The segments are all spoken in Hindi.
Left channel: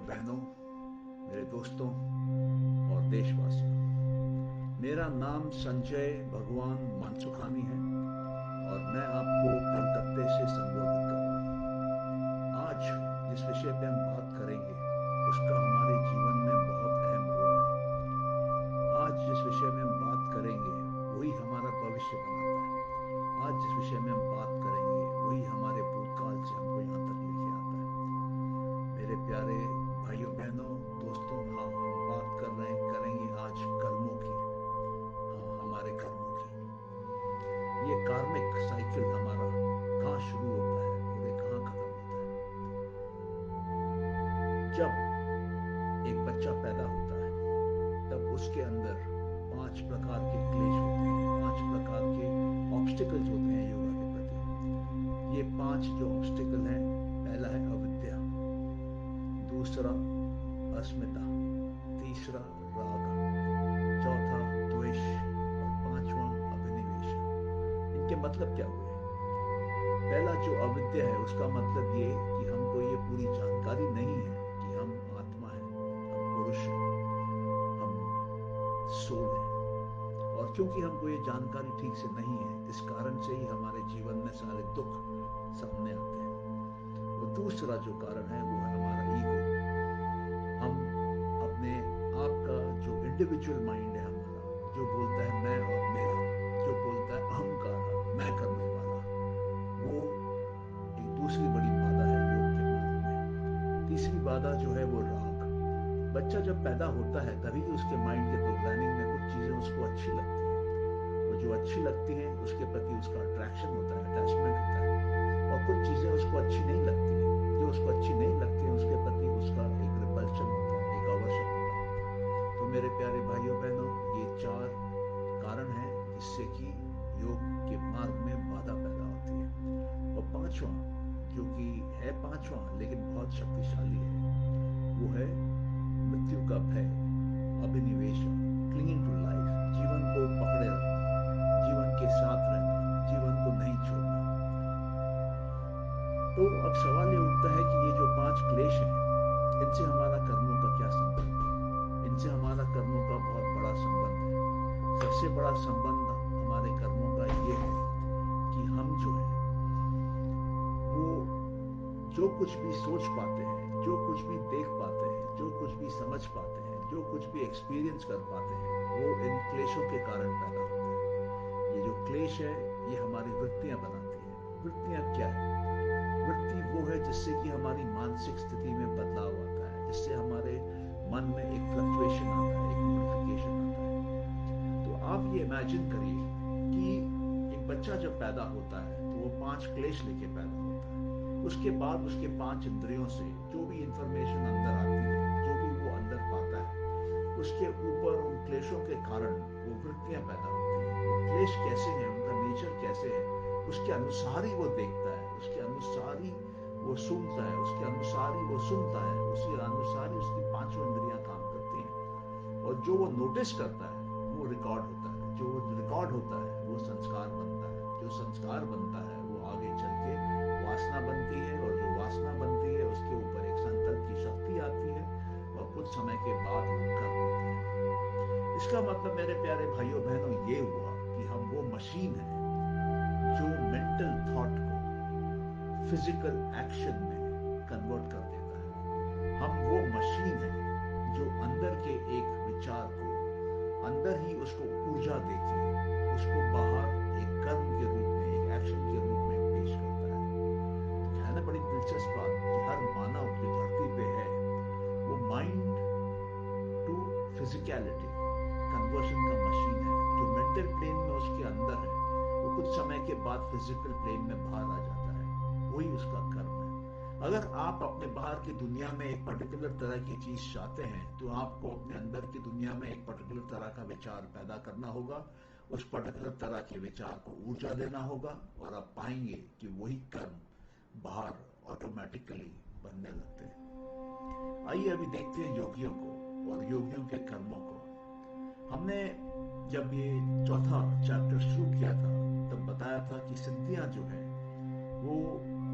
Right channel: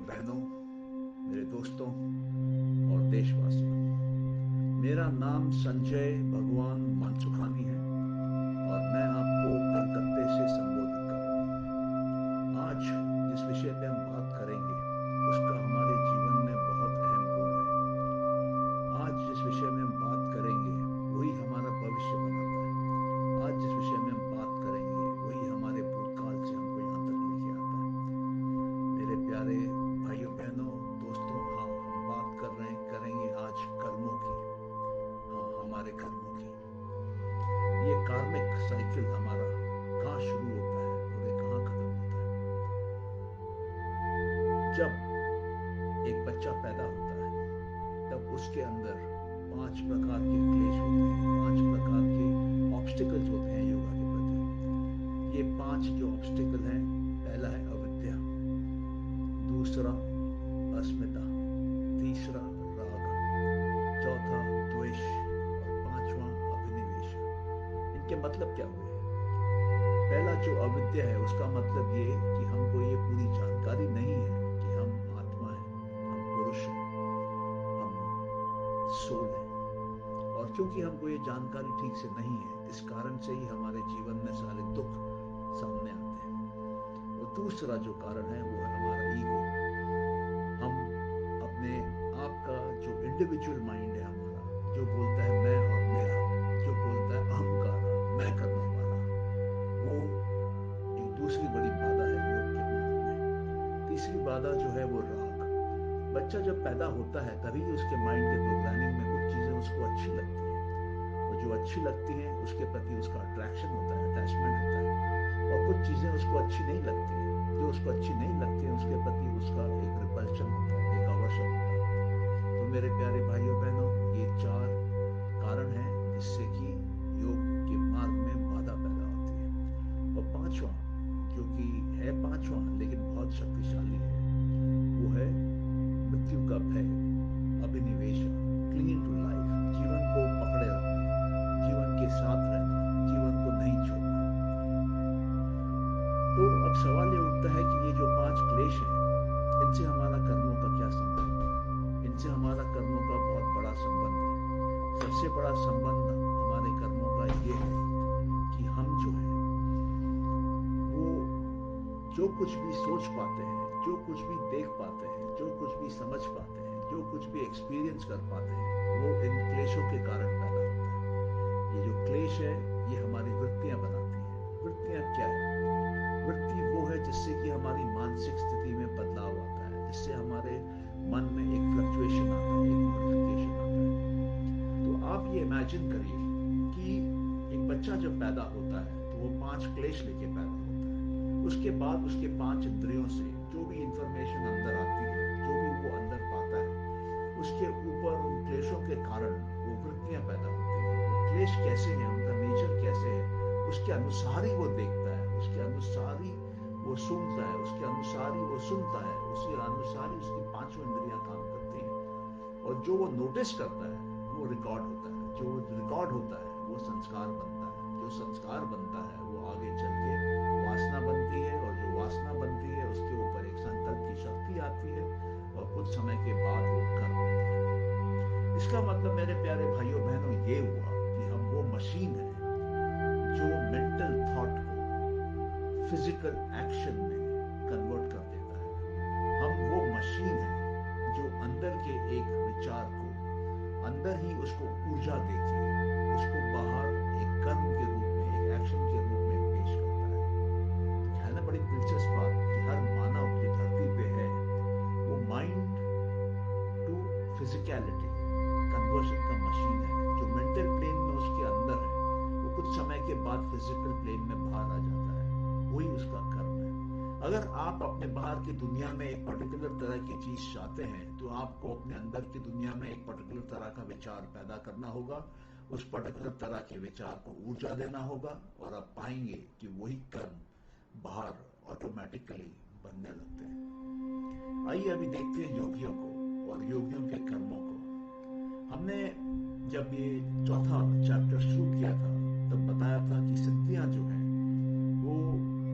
बहनों, मेरे दोस्तों और देशवासियों, मेरा नाम संजय भगवान मानसुखानी है और मैं आपको कलकत्ते से संबोधित कर रहा हूँ। आज जिस विषय पे हम बात करेंगे उसका हमारे जीवन में बहुत अहम रोल है। आज जिस विषय में हम बात करेंगे वही हमारा भविष्य बनाता है। आज जिस विषय में हम बात करेंगे वही हमारे भूतकाल से हमको यहाँ तक लेके आता है। मेरे प्यारे भाइयों बहनों दोस्तों, हाँ, हम बात करेंगे आज कर्मों की। हाँ, हमारे कर्मों की। ये कार्मिक साइकिल हमारा कहाँ शुरू होता है और ये कहाँ खत्म होता है। जब एक बच्चा पैदा होता है तब उसके अंदर 5 प्रकार के क्लेश होते हैं, 5 प्रकार के ऑब्स्टिकल्स होते हैं योगा के प्रति। ये 5 जो ऑब्स्टिकल हैं, पहला है अविद्या, दूसरा अस्मिता, तीसरा राग, चौथा द्वेष और पांचवा अभिनिवेश। इनके मतलब क्या हुए? पहला जो अविद्या है उसका मतलब ये कि हमको ये पूरी जानकारी नहीं है कि हम आत्मा है, हम पुरुष हैं, हम सोल हैं। और क्योंकि हमको ये जानकारी ठीक से नहीं है, इस कारण से ही हमारे जीवन में सारे दुख सामने आते हैं। और दूसरा जो कारण है वो है हमारा ईगो। हम अपने आप का जो इंडिविजुअल माइंड है हमारा, जो बोलता है मैं और मेरा, जो बोलता है अहंकार, मैं करने वाला, वो एक दूसरी बड़ी बाधा है योग के मार्ग में। तीसरी बाधा जो है वो राग। बच्चा जब पैदा होता है तभी उसके माइंड के प्रोग्रामिंग में कुछ चीजें उसको अच्छी लगती हैं, और जो अच्छी लगती हैं उसके प्रति उसका अट्रैक्शन होता है, अटैचमेंट होता है। और कुछ चीजें उसको अच्छी नहीं लगती हैं, जो उसको अच्छी नहीं लगती है उसके प्रति उसका एक रिपल्शन होता है, एक अवर्शन होता है। तो मेरे प्यारे भाइयों बहनों, ये 4 कारण हैं जिससे कि योग के मार्ग में बाधा पैदा होती है। और पांचवा, जो कि है पांचवा लेकिन बहुत शक्तिशाली है, वो है मृत्यु का भय, अभिनिवेश, क्लिंगिंग टू लाइफ, जीवन को पकड़े रखना, जीवन के साथ रहना, जीवन को नहीं छोड़ना। तो अब सवाल ये उठता है कि ये जो 5 क्लेश हैं, इनसे हमारा कर्मों का क्या संबंध है? इनसे हमारा कर्मों का बहुत बड़ा संबंध है। सबसे बड़ा संबंध हमारे कर्मों का ये है कि हम जो है वो जो कुछ भी सोच पाते हैं, जो कुछ भी देख पाते हैं, जो कुछ भी समझ पाते हैं, जो कुछ भी एक्सपीरियंस कर पाते हैं, वो इन क्लेशों के कारण पैदा होता है। ये जो क्लेश है ये हमारी वृत्तियां बनाती हैं। वृत्तियां क्या है? वृत्ति वो है जिससे कि हमारी मानसिक स्थिति में बदलाव आता है, जिससे हमारे मन में एक फ्लक्चुएशन आता है, एक मॉडिफिकेशन आता है। तो आप ये इमेजिन करिए कि एक बच्चा जब पैदा होता है तो वो 5 क्लेश लेके पैदा होता है। उसके बाद उसके 5 इंद्रियों से जो भी इंफॉर्मेशन अंदर आती है, जो भी वो अंदर पाता है, उसके ऊपर उन क्लेशों के कारण वो वृत्तियां पैदा होती हैं। वो क्लेश कैसे हैं, उनका नेचर कैसे है, उसके अनुसार ही वो देखता है, उसके अनुसार ही वो सूंघता है, उसके अनुसार ही वो सुनता है, उसी अनुसार ही उसकी 5 इंद्रियां काम करती हैं। और जो वो नोटिस करता है वो रिकॉर्ड होता है, जो रिकॉर्ड होता है वो संस्कार बनता है, जो संस्कार बनता है वो आगे चल के वासना बनती है, और जो वासना बनती है उसके ऊपर एक संकल्प की शक्ति आती है, और कुछ समय के बाद वो कर्म होता है। इसका मतलब मेरे प्यारे भाइयों बहनों ये हुआ कि हम वो मशीन है जो मेंटल थॉट को फिजिकल एक्शन में कन्वर्ट कर देता है। हम वो मशीन है जो अंदर के एक विचार को अंदर ही उसको ऊर्जा देके उसको बाहर एक कर्म के रूप में, एक एक्शन के रूप में पेश करता है। तो है ना बड़ी दिलचस्प बात कि हर मानव जो धरती पे है वो माइंड टू फिजिकलिटी कन्वर्शन का मशीन है। जो मेंटल प्लेन में उसके अंदर है वो कुछ समय के बाद फिजिकल प्लेन में बाहर आ जाता है, वही उसका कर्म है। अगर आप अपने बाहर की दुनिया में एक पर्टिकुलर तरह की चीज चाहते हैं तो आपको अपने अंदर की दुनिया में एक पर्टिकुलर तरह का विचार पैदा करना होगा, उस पर्टिकुलर तरह के विचार को ऊर्जा देना होगा, और आप पाएंगे कि वही कर्म बाहर ऑटोमेटिकली बनने लगते हैं। आइए अभी देखते हैं योगियों को और योगियों के कर्मों को। हमने जब ये चौथा चैप्टर शुरू किया था तब बताया था कि सिद्धियां जो है वो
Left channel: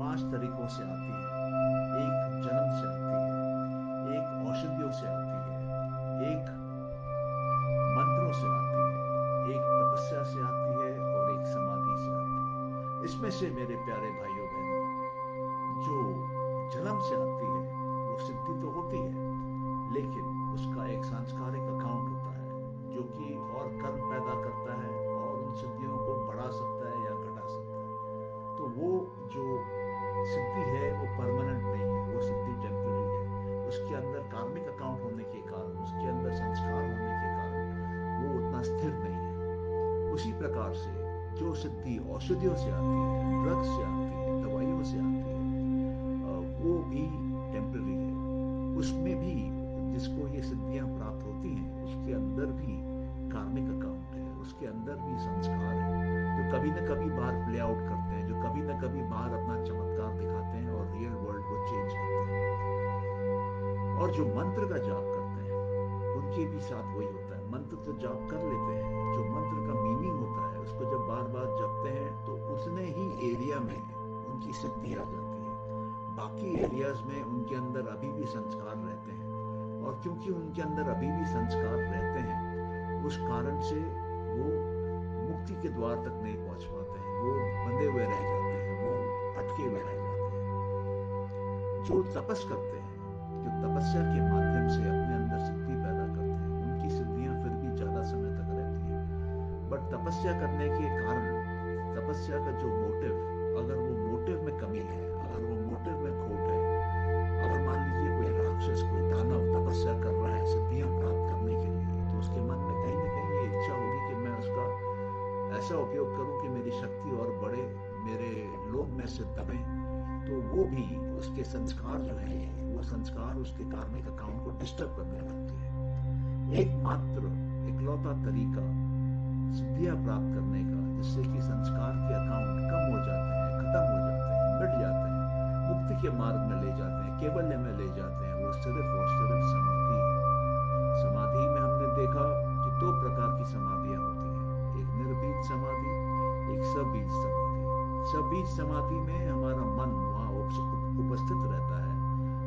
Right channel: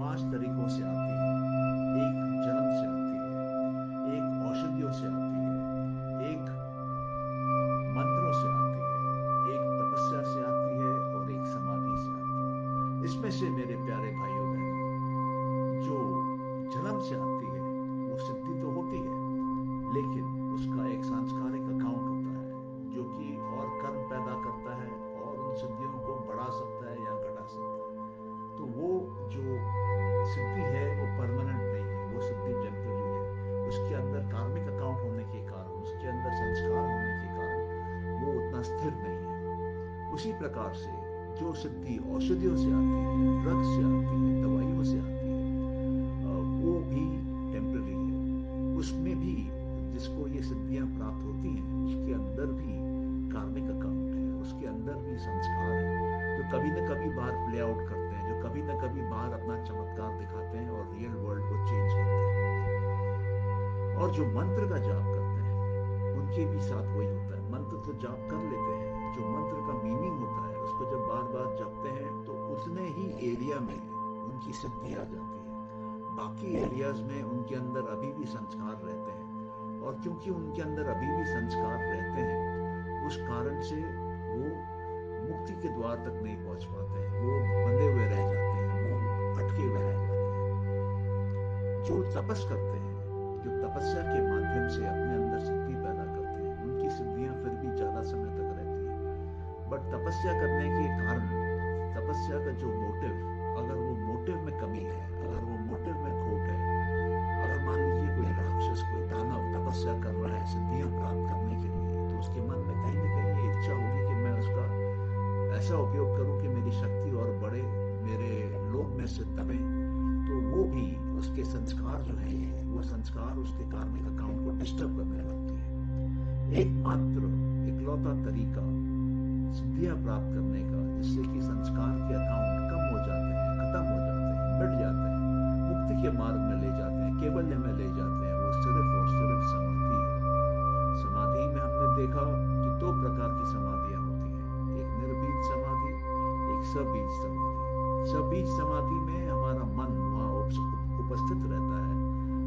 5 तरीकों से आती है। एक जन्म से आती है, एक औषधियों से आती है, एक मंत्रों से आती है, एक तपस्या से आती है और एक समाधि से आती है। इसमें से मेरे प्यारे भाइयों बहनों, जो जन्म से आती है वो सिद्धि तो होती है, लेकिन उसका एक सांस्कारिक अकाउंट होता है जो कि और कर्म पैदा करता है और उन सिद्धियों को बढ़ा सकता है या घटा सकता है। तो वो जो सिद्धि है वो परमानेंट नहीं है, वो सिद्धि टेम्पररी है। उसके अंदर कार्मिक अकाउंट होने के कारण, उसके अंदर संस्कार होने के कारण वो उतना स्थिर नहीं है। उसी प्रकार से जो सिद्धि औषधियों से आती है, ड्रग्स से आती है, दवाइयों से आती है, वो भी टेम्पररी है। उसमें भी जिसको ये सिद्धियां प्राप्त होती हैं उसके अंदर भी कार्मिक अकाउंट है, उसके अंदर भी संस्कार है जो कभी न कभी बाहर प्ले आउट करते हैं, जो कभी न कभी बाहर अपना चमत्कार दिखाते हैं और रियल वर्ल्ड को चेंज करते हैं। और जो मंत्र का जाप करते हैं उनके भी साथ वही होता है। मंत्र तो जाप कर लेते हैं, जो मंत्र का मीनिंग होता है उसको जब बार बार जपते हैं तो उतने ही एरिया में उनकी सिद्धि आ जाती है। बाकी एरियाज में उनके अंदर अभी भी संस्कार रहते हैं, और क्योंकि उनके अंदर अभी भी संस्कार रहते हैं उस कारण से वो मुक्ति के द्वार तक नहीं पहुंच पाते हैं, वो बंधे हुए रह जाते हैं, वो अटके हुए रह जाते हैं। जो तपस करते हैं, जो तपस्या के माध्यम से अपने अंदर सिद्धि पैदा करते हैं, उनकी सिद्धियां फिर भी ज्यादा समय तक रहती हैं। बट तपस्या करने के कारण, तपस्या का जो मोटिव, अगर वो मोटिव में कमी है, अगर वो मोटिव में खोट है, अगर मान लीजिए कोई राक्षस, कोई दानव तपस्या कर रहा है सिद्धियां प्राप्त करने के लिए, तो उसके मन में कहीं ना कहीं ये इच्छा होगी कि मैं उसका ऐसा उपयोग करूं कि मेरी शक्ति और बढ़े, मेरे लोग में से दबे। तो वो भी उसके संस्कार जो है, वो संस्कार उसके कार्मिक अकाउंट को डिस्टर्ब करने लगती है। एकमात्र इकलौता तरीका सिद्धियां प्राप्त करने का, जिससे कि संस्कार के अकाउंट कम हो जाते हैं, खत्म हो जाते हैं, मिट जाते हैं, मुक्ति के मार्ग में ले जाते हैं, केवल्य में ले जाते हैं, वो सिर्फ और सिर्फ समाधि है। समाधि में हमने देखा कि दो प्रकार की समाधियां होती हैं, एक निर्बीज समाधि, एक सबीज समाधि। सबीज समाधि में हमारा मन वहां उपस्थित रहता है,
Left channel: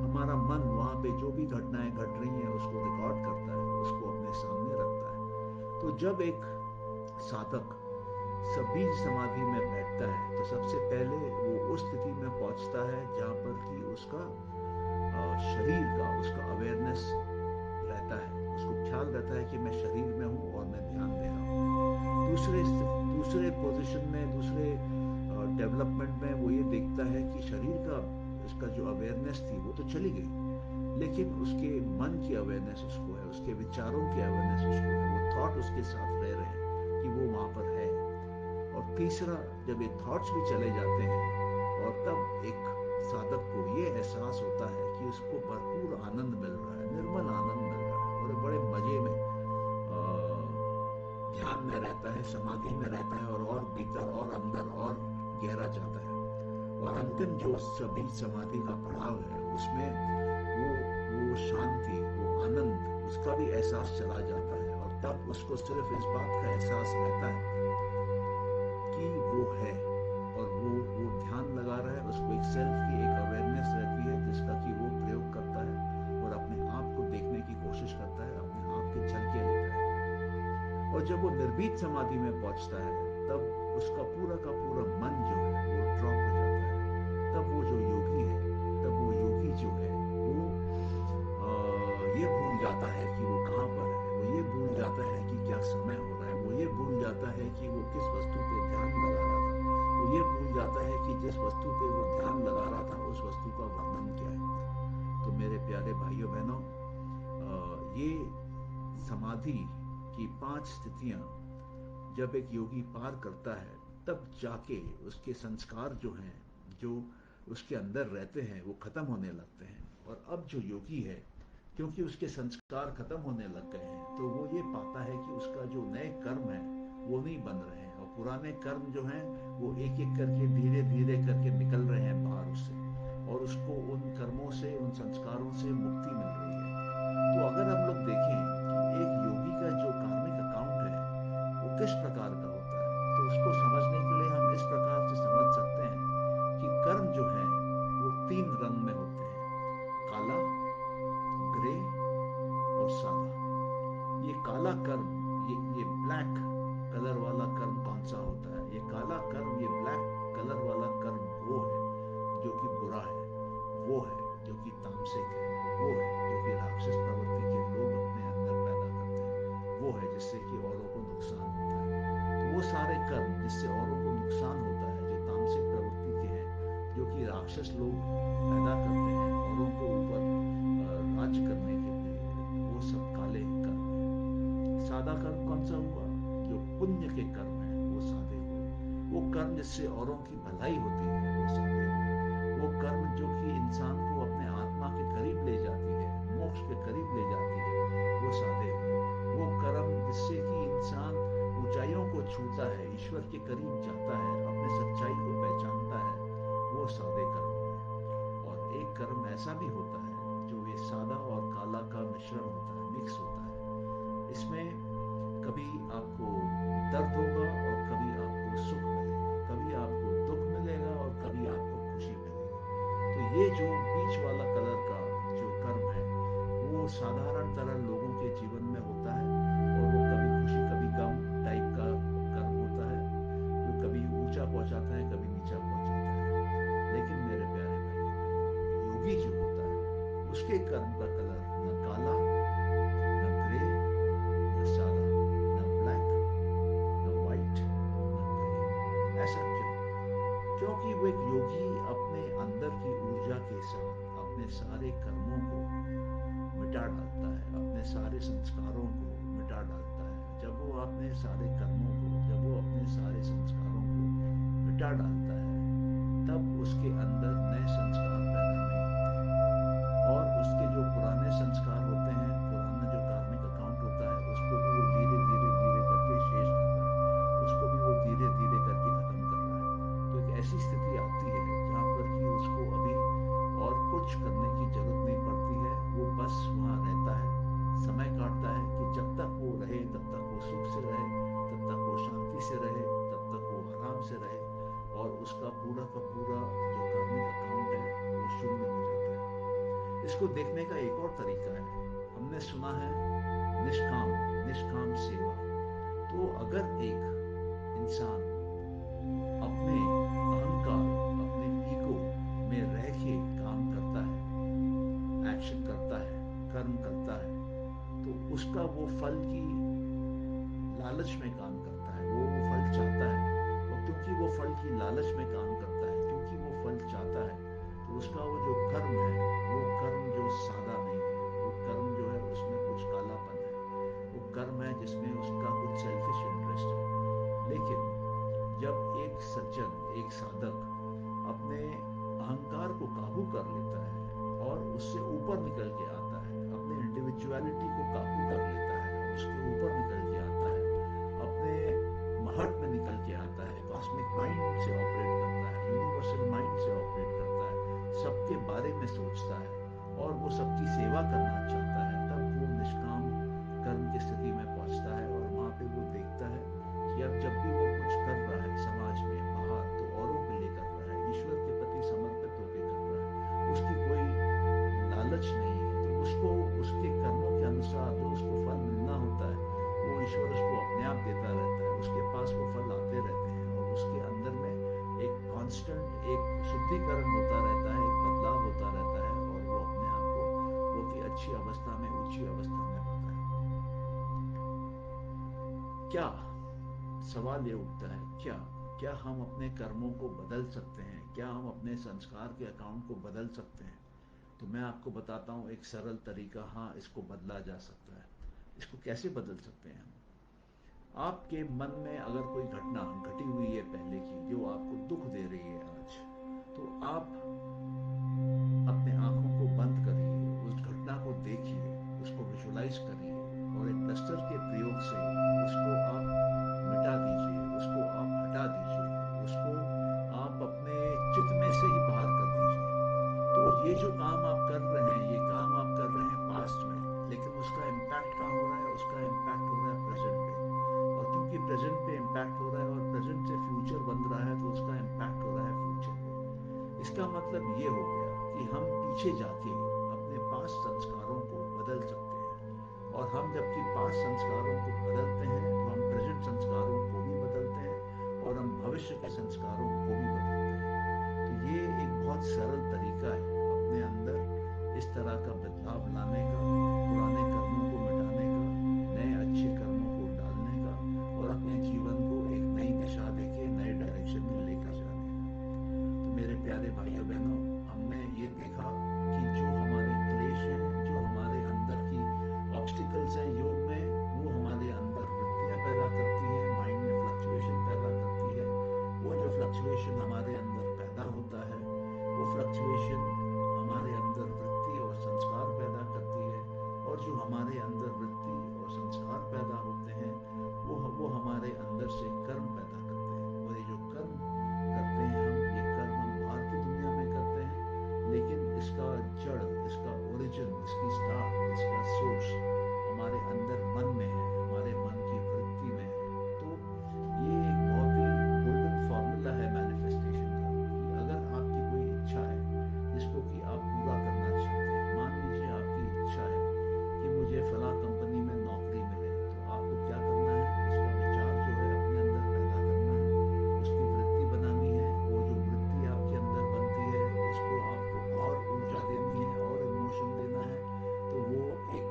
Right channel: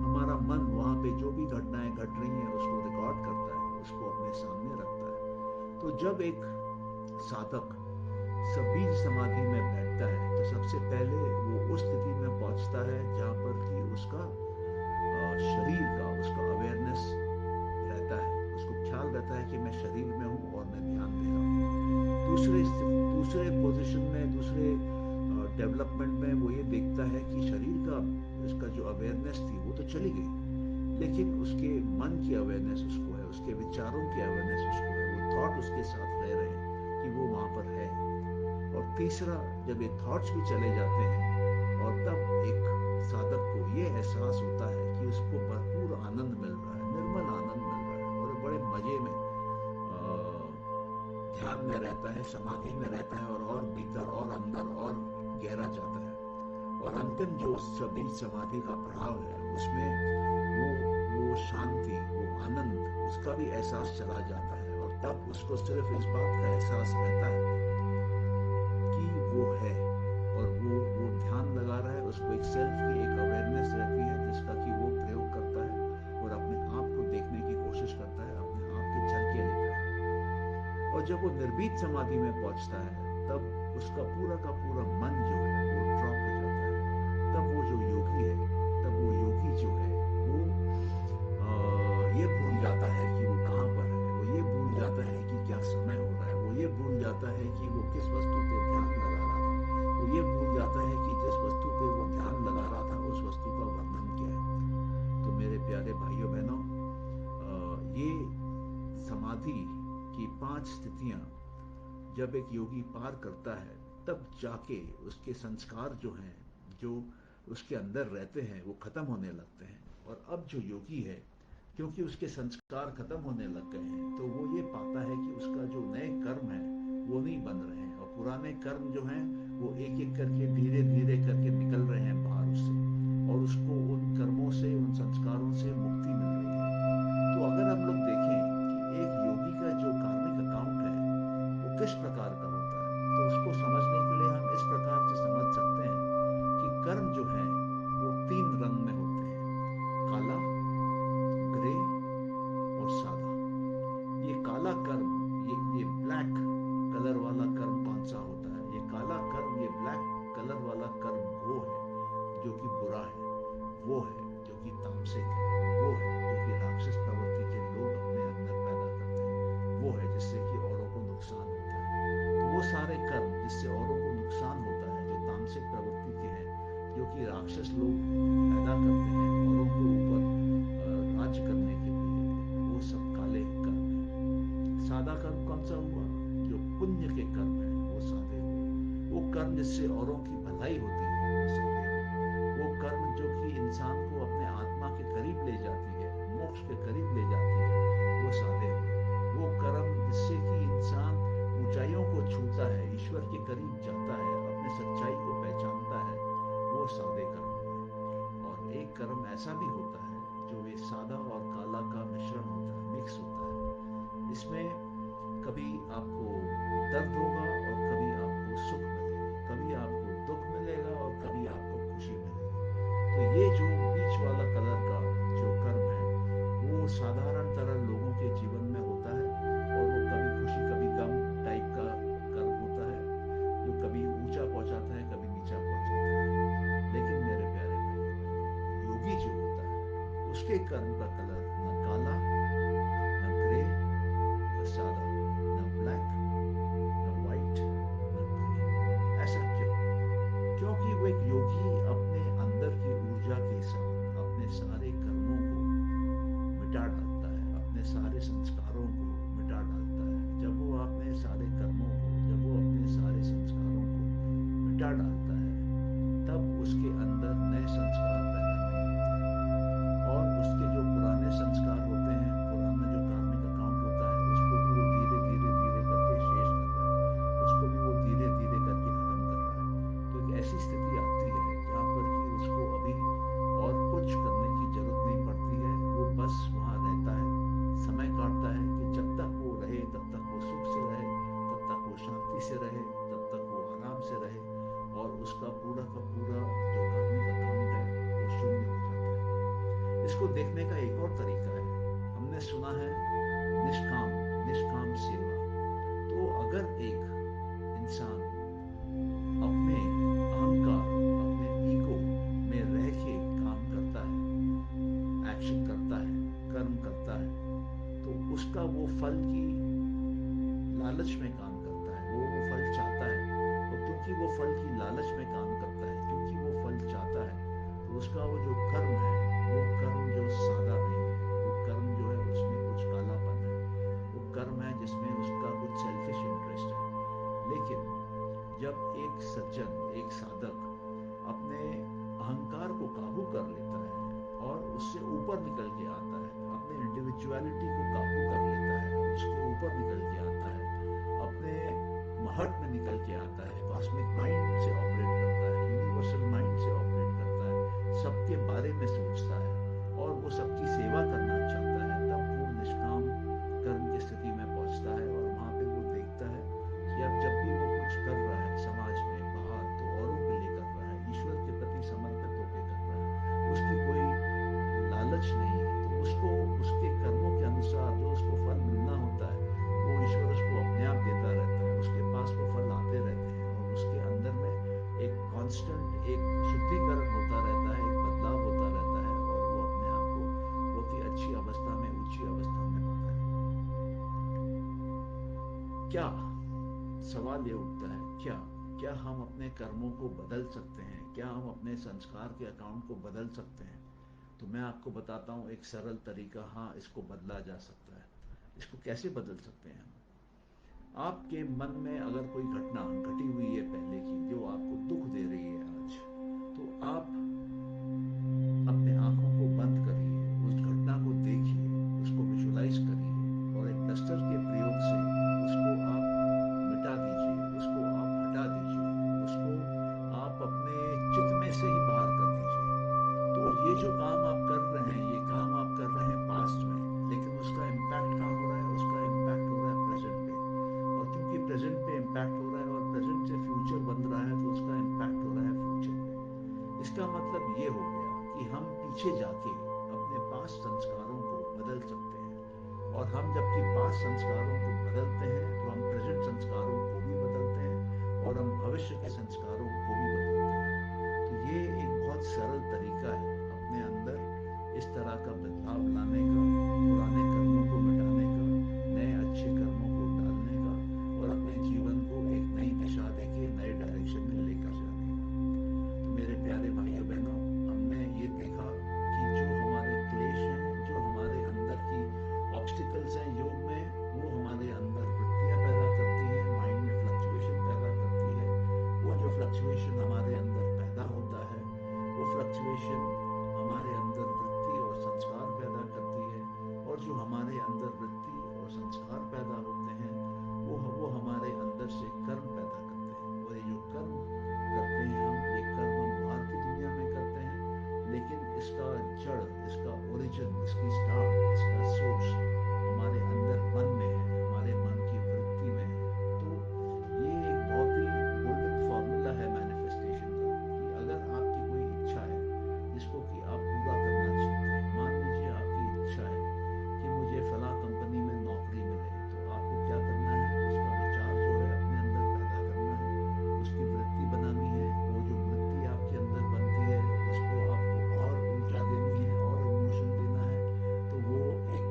हमारा मन वहां पे जो भी घटनाएं घट रही हैं उसको रिकॉर्ड करता है, उसको अपने सामने रखता है। तो जब एक साधक सबीज समाधि में बैठता है तो सबसे पहले वो उस स्थिति में पहुंचता है जहां पर कि उसका शरीर का, उसका अवेयरनेस रहता है, उसको ख्याल रहता है कि मैं शरीर में हूं और मैं ध्यान दे रहा हूं। दूसरे पोजीशन में, दूसरे डेवलपमेंट में वो ये देखता है कि शरीर का, उसका जो अवेयरनेस थी वो तो चली गई, लेकिन उसके मन की अवेयरनेस उसको है, उसके विचारों की अवेयरनेस उसको है, वो थॉट उसके साथ रह रहे हैं कि वो वहां पर है। और तीसरा, जब ये थॉट्स भी चले जाते हैं और तब एक साधक को ये एहसास होता है कि उसको भरपूर आनंद मिल रहा है, निर्मल आनंद मिल रहा है, और बड़े मजे में ध्यान में रहता है, समाधि में रहता है, और भीतर और अंदर और गहरा जाता है। और अंतिम जो सभी समाधि का पड़ाव है उसमें वो शांति, वो आनंद, उसका भी एहसास चला जाता है, और तब उसको सिर्फ इस बात का एहसास रहता है कि वो है और वो ध्यान लगा रहा है। उसको एक सेल्फ की एक अवेयरनेस रहती है जिसका कि वो प्रयोग करता है और अपने आप को देखने की कोशिश करता है, अपने आप की झलकियां लेता है। और जब वो निर्भीत समाधि में पहुंचता है तब उसका पूरा का पूरा मन जो है वो ड्रॉप हो जाता है। तब वो जो योगी है, तब वो योगी जो है वो ये भूल जाता है कि वो कहाँ पर है, वो ये भूल जाता है कि क्या समय हो रहा है, वो ये भूल जाता है कि वो किस वस्तु पे ध्यान लगा रहा था, वो ये भूल जाता है कि जिस वस्तु पे वो ध्यान लगा रहा था उस वस्तु का वर्णन क्या है। तो मेरे प्यारे भाइयों बहनों, ये समाधि की 5 स्थितियां जब एक योगी पार करता है तब जाके उसके संस्कार जो हैं, जो उसके अंदर रहते हैं, वो खत्म होने लगते हैं। और अब जो योगी है, क्योंकि उसके संस्कार खत्म होने लग गए हैं, तो वो ये पाता है कि उसका जो नए कर्म है वो नहीं बन रहे हैं, और पुराने कर्म जो हैं वो एक एक करके धीरे धीरे करके निकल रहे हैं बाहर उससे, और उसको उन कर्मों से, उन संस्कारों से मुक्ति मिल रही है। तो अगर हम लोग देखें कि एक योगी का जो कार्मिक अकाउंट है वो किस प्रकार का होता है, तो उसको समझने के लिए हम इस प्रकार से समझ सकते हैं कि कर्म जो है वो 3 रंग में होते हैं, काला, ग्रे और सादा। ये काला कर्म, ये ब्लैक कलर वाला कर्म कौन सा होता है? ये काला कर्म, ये ब्लैक कलर वाला कर्म वो है जो कि बुरा है, वो है जो कि तामसिक है, वो है जो कि राक्षस प्रवृत्ति के लोग अपने अंदर पैदा करते हैं, वो है जिससे कि औरों को नुकसान होता है। तो वो सारे कर्म जिससे औरों को नुकसान होता है, जो तामसिक प्रवृत्ति के हैं, जो कि राक्षस लोग पैदा करते हैं औरों के ऊपर राज्य करने के लिए, वो सब काले कर्म है। सादा कर्म कौन सा हुआ? जो पुण्य के कर्म है वो सादे हुए। वो कर्म जिससे औरों की भलाई होती है वो सादे हुए। वो कर्म जो कि इंसान को अपने आत्मा के करीब ले जाती है, मोक्ष के करीब ले जाती है, वो सादे हुए। वो कर्म जिससे कि इंसान ऊंचाइयों को छूता है, ईश्वर के करीब जाता है, अपने सच्चाई को पहचानता है, वो सादे कर्म हुए। और एक कर्म ऐसा भी होता है जो ये सादा और काला का मिश्रण होता है, मिक्स होता है। इसमें कभी आपको दर्द होगा और कभी आपको सुख मिलेगा, कभी आपको दुख मिलेगा और कभी आपको खुशी मिलेगी। तो ये जो बीच वाला कलर का जो कर्म है वो साधारण तरह लोगों के जीवन में होता है, और वो कभी खुशी कभी गम टाइप का कर्म होता है, जो कभी ऊंचा पहुंचाता है कभी नीचा पहुंचाता है। लेकिन मेरे प्यारे भाई बहन, योगी जो होता है उसके कर्म का कलर न काला, न ग्रे, न सादा, न ब्लैक, न व्हाइट, न ग्रे। ऐसा क्यों? क्योंकि वो एक योगी अपने अंदर की ऊर्जा के साथ अपने सारे कर्मों को मिटा डालता है, अपने सारे संस्कारों को मिटा डालता है। जब वो अपने सारे कर्मों को, जब वो अपने सारे संस्कारों को मिटा डालता है, तब उसके अंदर नए संस्कार पैदा नहीं होते, और उसके जो पुराने संस्कार होते हैं, पुराना जो कार्मिक अकाउंट होता है, उसको भी वो धीरे धीरे धीरे करके शेष कर रहा है, उसको भी वो धीरे धीरे करके खत्म कर रहा है। तो एक ऐसी स्थिति आती है जहाँ पर कि उसको अभी और कुछ करने की जरूरत नहीं पड़ती है, वो बस वहाँ रहता है, समय काटता है कि जब तक वो रहे तब तक वो सुख से रहे, तब तक वो शांति से रहे, तब तक वो आराम से रहे, और उसका पूरा का पूरा जो कार्मिक अकाउंट है वो शून्य हो जाता है। इसको देखने का एक और तरीका है, हमने सुना है निष्काम, निष्काम सेवा। तो अगर एक इंसान अपने अहंकार, अपने ईगो में रह के काम करता है, एक्शन करता है, कर्म करता है, तो उसका वो फल की लालच में काम करता है, वो फल चाहता है, और क्योंकि वो फल की लालच में काम करता है, क्योंकि वो फल चाहता है, तो उसका वो जो कर्म है, वो कर्म जो सादा नहीं है, वो कर्म जो है उसमें कुछ कालापन है, वो कर्म है जिसमें उसका कुछ सेल्फिश इंटरेस्ट है। लेकिन जब एक सज्जन, एक साधक अपने अहंकार को काबू कर लेता है और उससे ऊपर निकल के आता है, अपने इंडिविजुअलिटी को काबू कर लेता है और उसके ऊपर निकल के आता है, अपने महट में निकल के आता है, कॉस्मिक माइंड से ऑपरेट करता है, यूनिवर्सल माइंड से ऑपरेट करता है, सबके बारे में सोचता है और वो सबकी सेवा करना चाहता है, तब वो निष्काम कर्म की स्थिति में पहुंचता है। और वहां पे वो देखता है कि अब जब भी वो कुछ कर रहा है समाज में बाहर, तो औरों के लिए कर रहा है, ईश्वर के प्रति समर्पित होकर कर रहा है, उसकी कोई लालच नहीं है, तो उसको उसके कर्मों के अनुसार जो उसको फल मिलना होता है वो ईश्वर उसको अपने आप देता रहता है, उसके पास वो फल आते रहते हैं, और उसके अंदर में एक कांस्टेंट एक शुद्धिकरण होता रहता है, एक बदलाव होता रहता है, और वो अपने आप को बहुत ही अच्छी अवस्था में, ऊंची अवस्था में पाता है। क्या सवाल ये उठता है, क्या हम अपने कर्मों को बदल सकते हैं? क्या हम अपने संस्कार के अकाउंट को बदल सकते हैं? तो मैं आपको बताता हूं एक सरल तरीका, हाँ इसको बदला जा सकता है। इसको कैसे बदल सकते हैं हम? आपके मन में अगर कोई घटना घटी हुई है पहले की जो आपको दुख दे रही है आज, तो आप अपने आंखों को बंद करिए, उस घटना को देखिए, उसको विजुलाइज करिए, और एक डस्टर के प्रयोग से उसको आप मिटा दीजिए, उसको आप हटा दीजिए, उसको आप अपने चित्त में से ही बाहर कर दीजिए। तो ये जो काम आप कर रहे हैं, ये काम आप कर रहे हैं पास्ट में, लेकिन उसका इम्पैक्ट कहाँ हो रहा है? उसका इम्पैक्ट हो रहा है प्रेजेंट पे, और क्योंकि प्रेजेंट पे इम्पैक्ट हो रहा है और प्रेजेंट से फ्यूचर बन रहा है, तो उसका इम्पैक्ट हो रहा है फ्यूचर पे। इसका मतलब ये हो गया कि हम पीछे जाके अपने पास्ट संस्कारों को बदल सकते हैं, और हम जबकि पास्ट संस्कारों को बदलते हैं तो हम प्रेजेंट संस्कारों को भी बदलते हैं और हम भविष्य के संस्कारों को भी बदलते हैं। तो ये एक बहुत सरल तरीका है अपने अंदर इस तरह का बदलाव लाने का, पुराने कर्मों को मिटाने का, नए अच्छे कर्मों को डालने का और अपने जीवन को एक नई दिशा देके नए डायरेक्शन में लेकर जाने का। तो मेरे प्यारे भाइयों बहनों, हमने ये देखा कि जो हमारे क्लेश हैं, जो हमारे अंदर की ऑब्स्टिकल्स हैं योग में, वो हमारे अंदर वृत्तियां पैदा करती हैं, माइंड में फ्लक्चुएशन पैदा करती है। वो जो फ्लक्चुएशन हमारे अंदर पैदा होता है, वो फ्लक्चुएशन हमारे अंदर वृत्ति और संस्कार पैदा करती है, और जो हमारे अंदर वृत्ति और संस्कार पैदा होते हैं वो हमारे अंदर से कर्म पैदा करते हैं। और ये जो कर्म करते हैं ये कर्म हम बाहर की दुनिया में करते हैं, लेकिन इसका जड़, इसका ओरिजिन, इसकी स्टार्ट, इसका सोर्स हमारे अंदर मन में है, हमारे मन की वृत्ति में है। तो ये एक बहुत ही गोल्डन फॉर्मूला है मैनिफेस्टेशन का कि अगर आपकी कोई इच्छा है जिसको कि आप पूरा करना चाहते हैं, मान लीजिए आपकी इच्छा है कि मुझे फला कंपनी में नौकरी मिले, तो आपको क्या करना है? उसका विचार जो है अपने अंदर पैदा करना है, उसकी वृत्ति बनानी है। वो जो वृत्ति आपके अंदर बनती है उसको आपको और ऊर्जा देनी है और इमोशन देना है, तो वो एक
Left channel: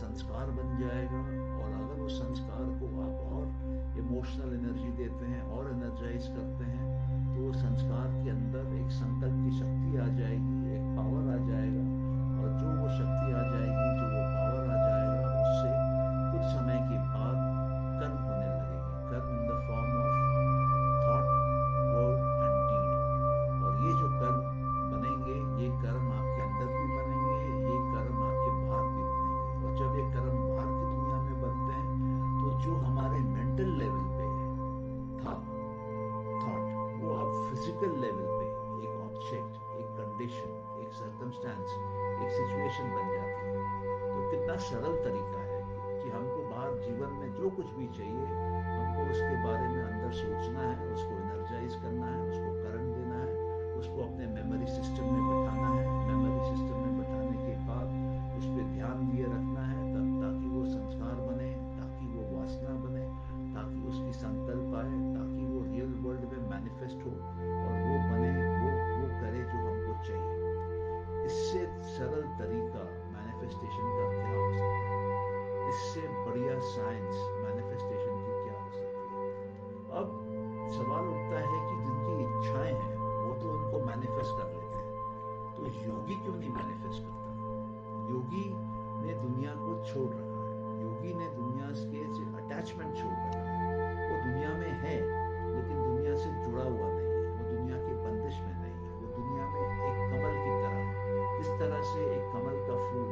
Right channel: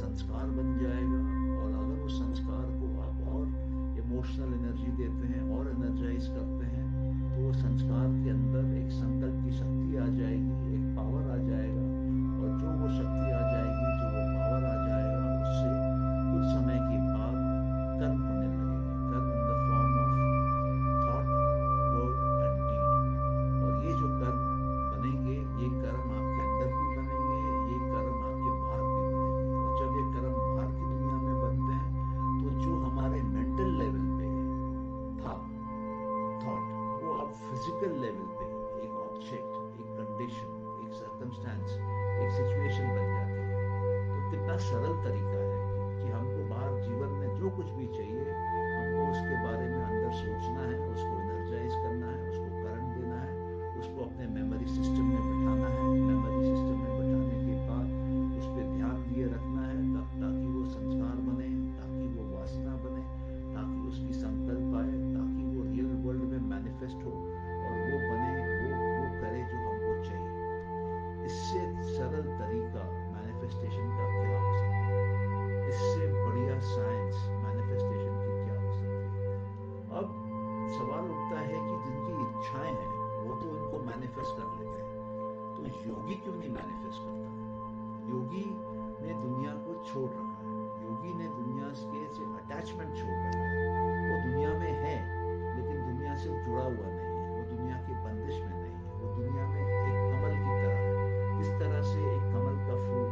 संस्कार बन जाएगा। और अगर उस संस्कार को आप और इमोशनल एनर्जी देते हैं और एनर्जाइज करते हैं, तो वो संस्कार के अंदर एक संकल्प की शक्ति आ जाएगी, एक पावर आ जाएगा। और जो वो शक्ति आ जाएगी, जो वो पावर आ जाएगा, उससे कुछ समय के बाद कर्म होने लगेंगे। कर्म in the form of thought, word and deed. और ये जो कर्म बनेंगे, ये कर्म आपके अंदर भी बनेंगे, ये कर्म आपके बाहर भी बनेंगे। और जब ये कर्म बाहर की दुनिया में बनते हैं, तो जो हमारे मेंटल लेवल पे था थॉट, वो अब फिजिकल लेवल पे एक ऑब्जेक्ट, एक कंडीशन, एक सर्कमस्टेंस, एक सिचुएशन बन जाती है। तो कितना सरल तरीका है कि हमको बाहर जीवन में जो कुछ भी चाहिए, हमको उसके बारे में अंदर सोचना है, उसको एनर्जाइज करना है, उसको करंट देना है, उसको अपने मेमोरी सिस्टम में बिठाना है। मेमोरी सिस्टम में बिठाने के बाद उस पर ध्यान दिए रखना है, तब ताकि वो संस्कार बने, ताकि वो वासना बने, ताकि उसकी संकल्प आए, ताकि वो रियल वर्ल्ड में मैनिफेस्ट हो और वो बने, वो करे जो हमको चाहिए। इससे सरल तरीका मैनिफेस्टेशन का क्या हो सकता है? इससे बढ़िया साइंस मैनिफेस्टेशन की क्या हो सकती है? अब सवाल उठता है कि जिनकी इच्छाएं हैं वो तो उनको मैनिफेस्ट कर लेते हैं, तो योगी क्यों नहीं मैनिफेस्ट करता? योगी ने दुनिया को छोड़ रखा है, योगी ने दुनिया से अटैचमेंट छोड़ रखा है। वो दुनिया में है लेकिन दुनिया से जुड़ा हुआ नहीं है, वो दुनिया की बंदिश में नहीं है, वो दुनिया में एक कमल की तरह है। जिस तरह से एक कमल का फूल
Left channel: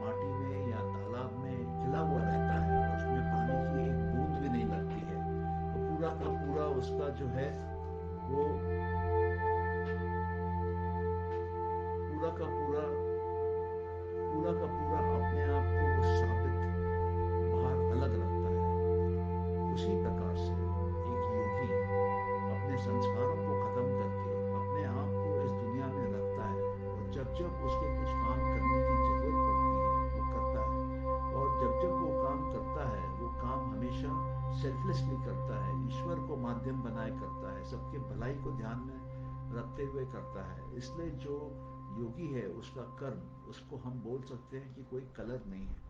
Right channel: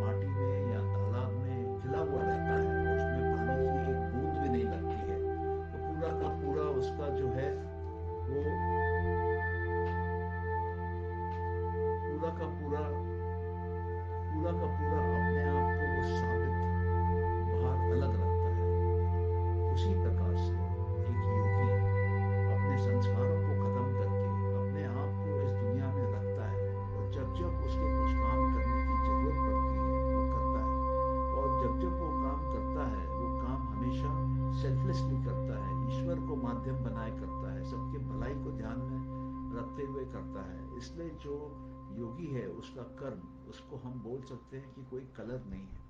माटी में या तालाब में खिला हुआ रहता है और उसमें पानी की एक बूंद भी नहीं लगती है, तो पूरा का पूरा उसका जो है वो पूरा का पूरा अपने आप को वो साबित बाहर अलग रखता है। उसी प्रकार से एक योगी अपने संस्कारों को खत्म करके अपने आप को इस दुनिया में रखता है, और जब जब उसके कुछ काम करने की जरूरत पड़ती है वो करता है। और जब जब वो काम करता है, वो काम हमेशा सेल्फलेसली करता है, ईश्वर को माध्यम बनाए करता है, सबके भलाई को ध्यान में रखते हुए करता है। इसलिए जो योगी है उसका कर्म, उसको हम बोल सकते हैं कि कोई कलर नहीं है।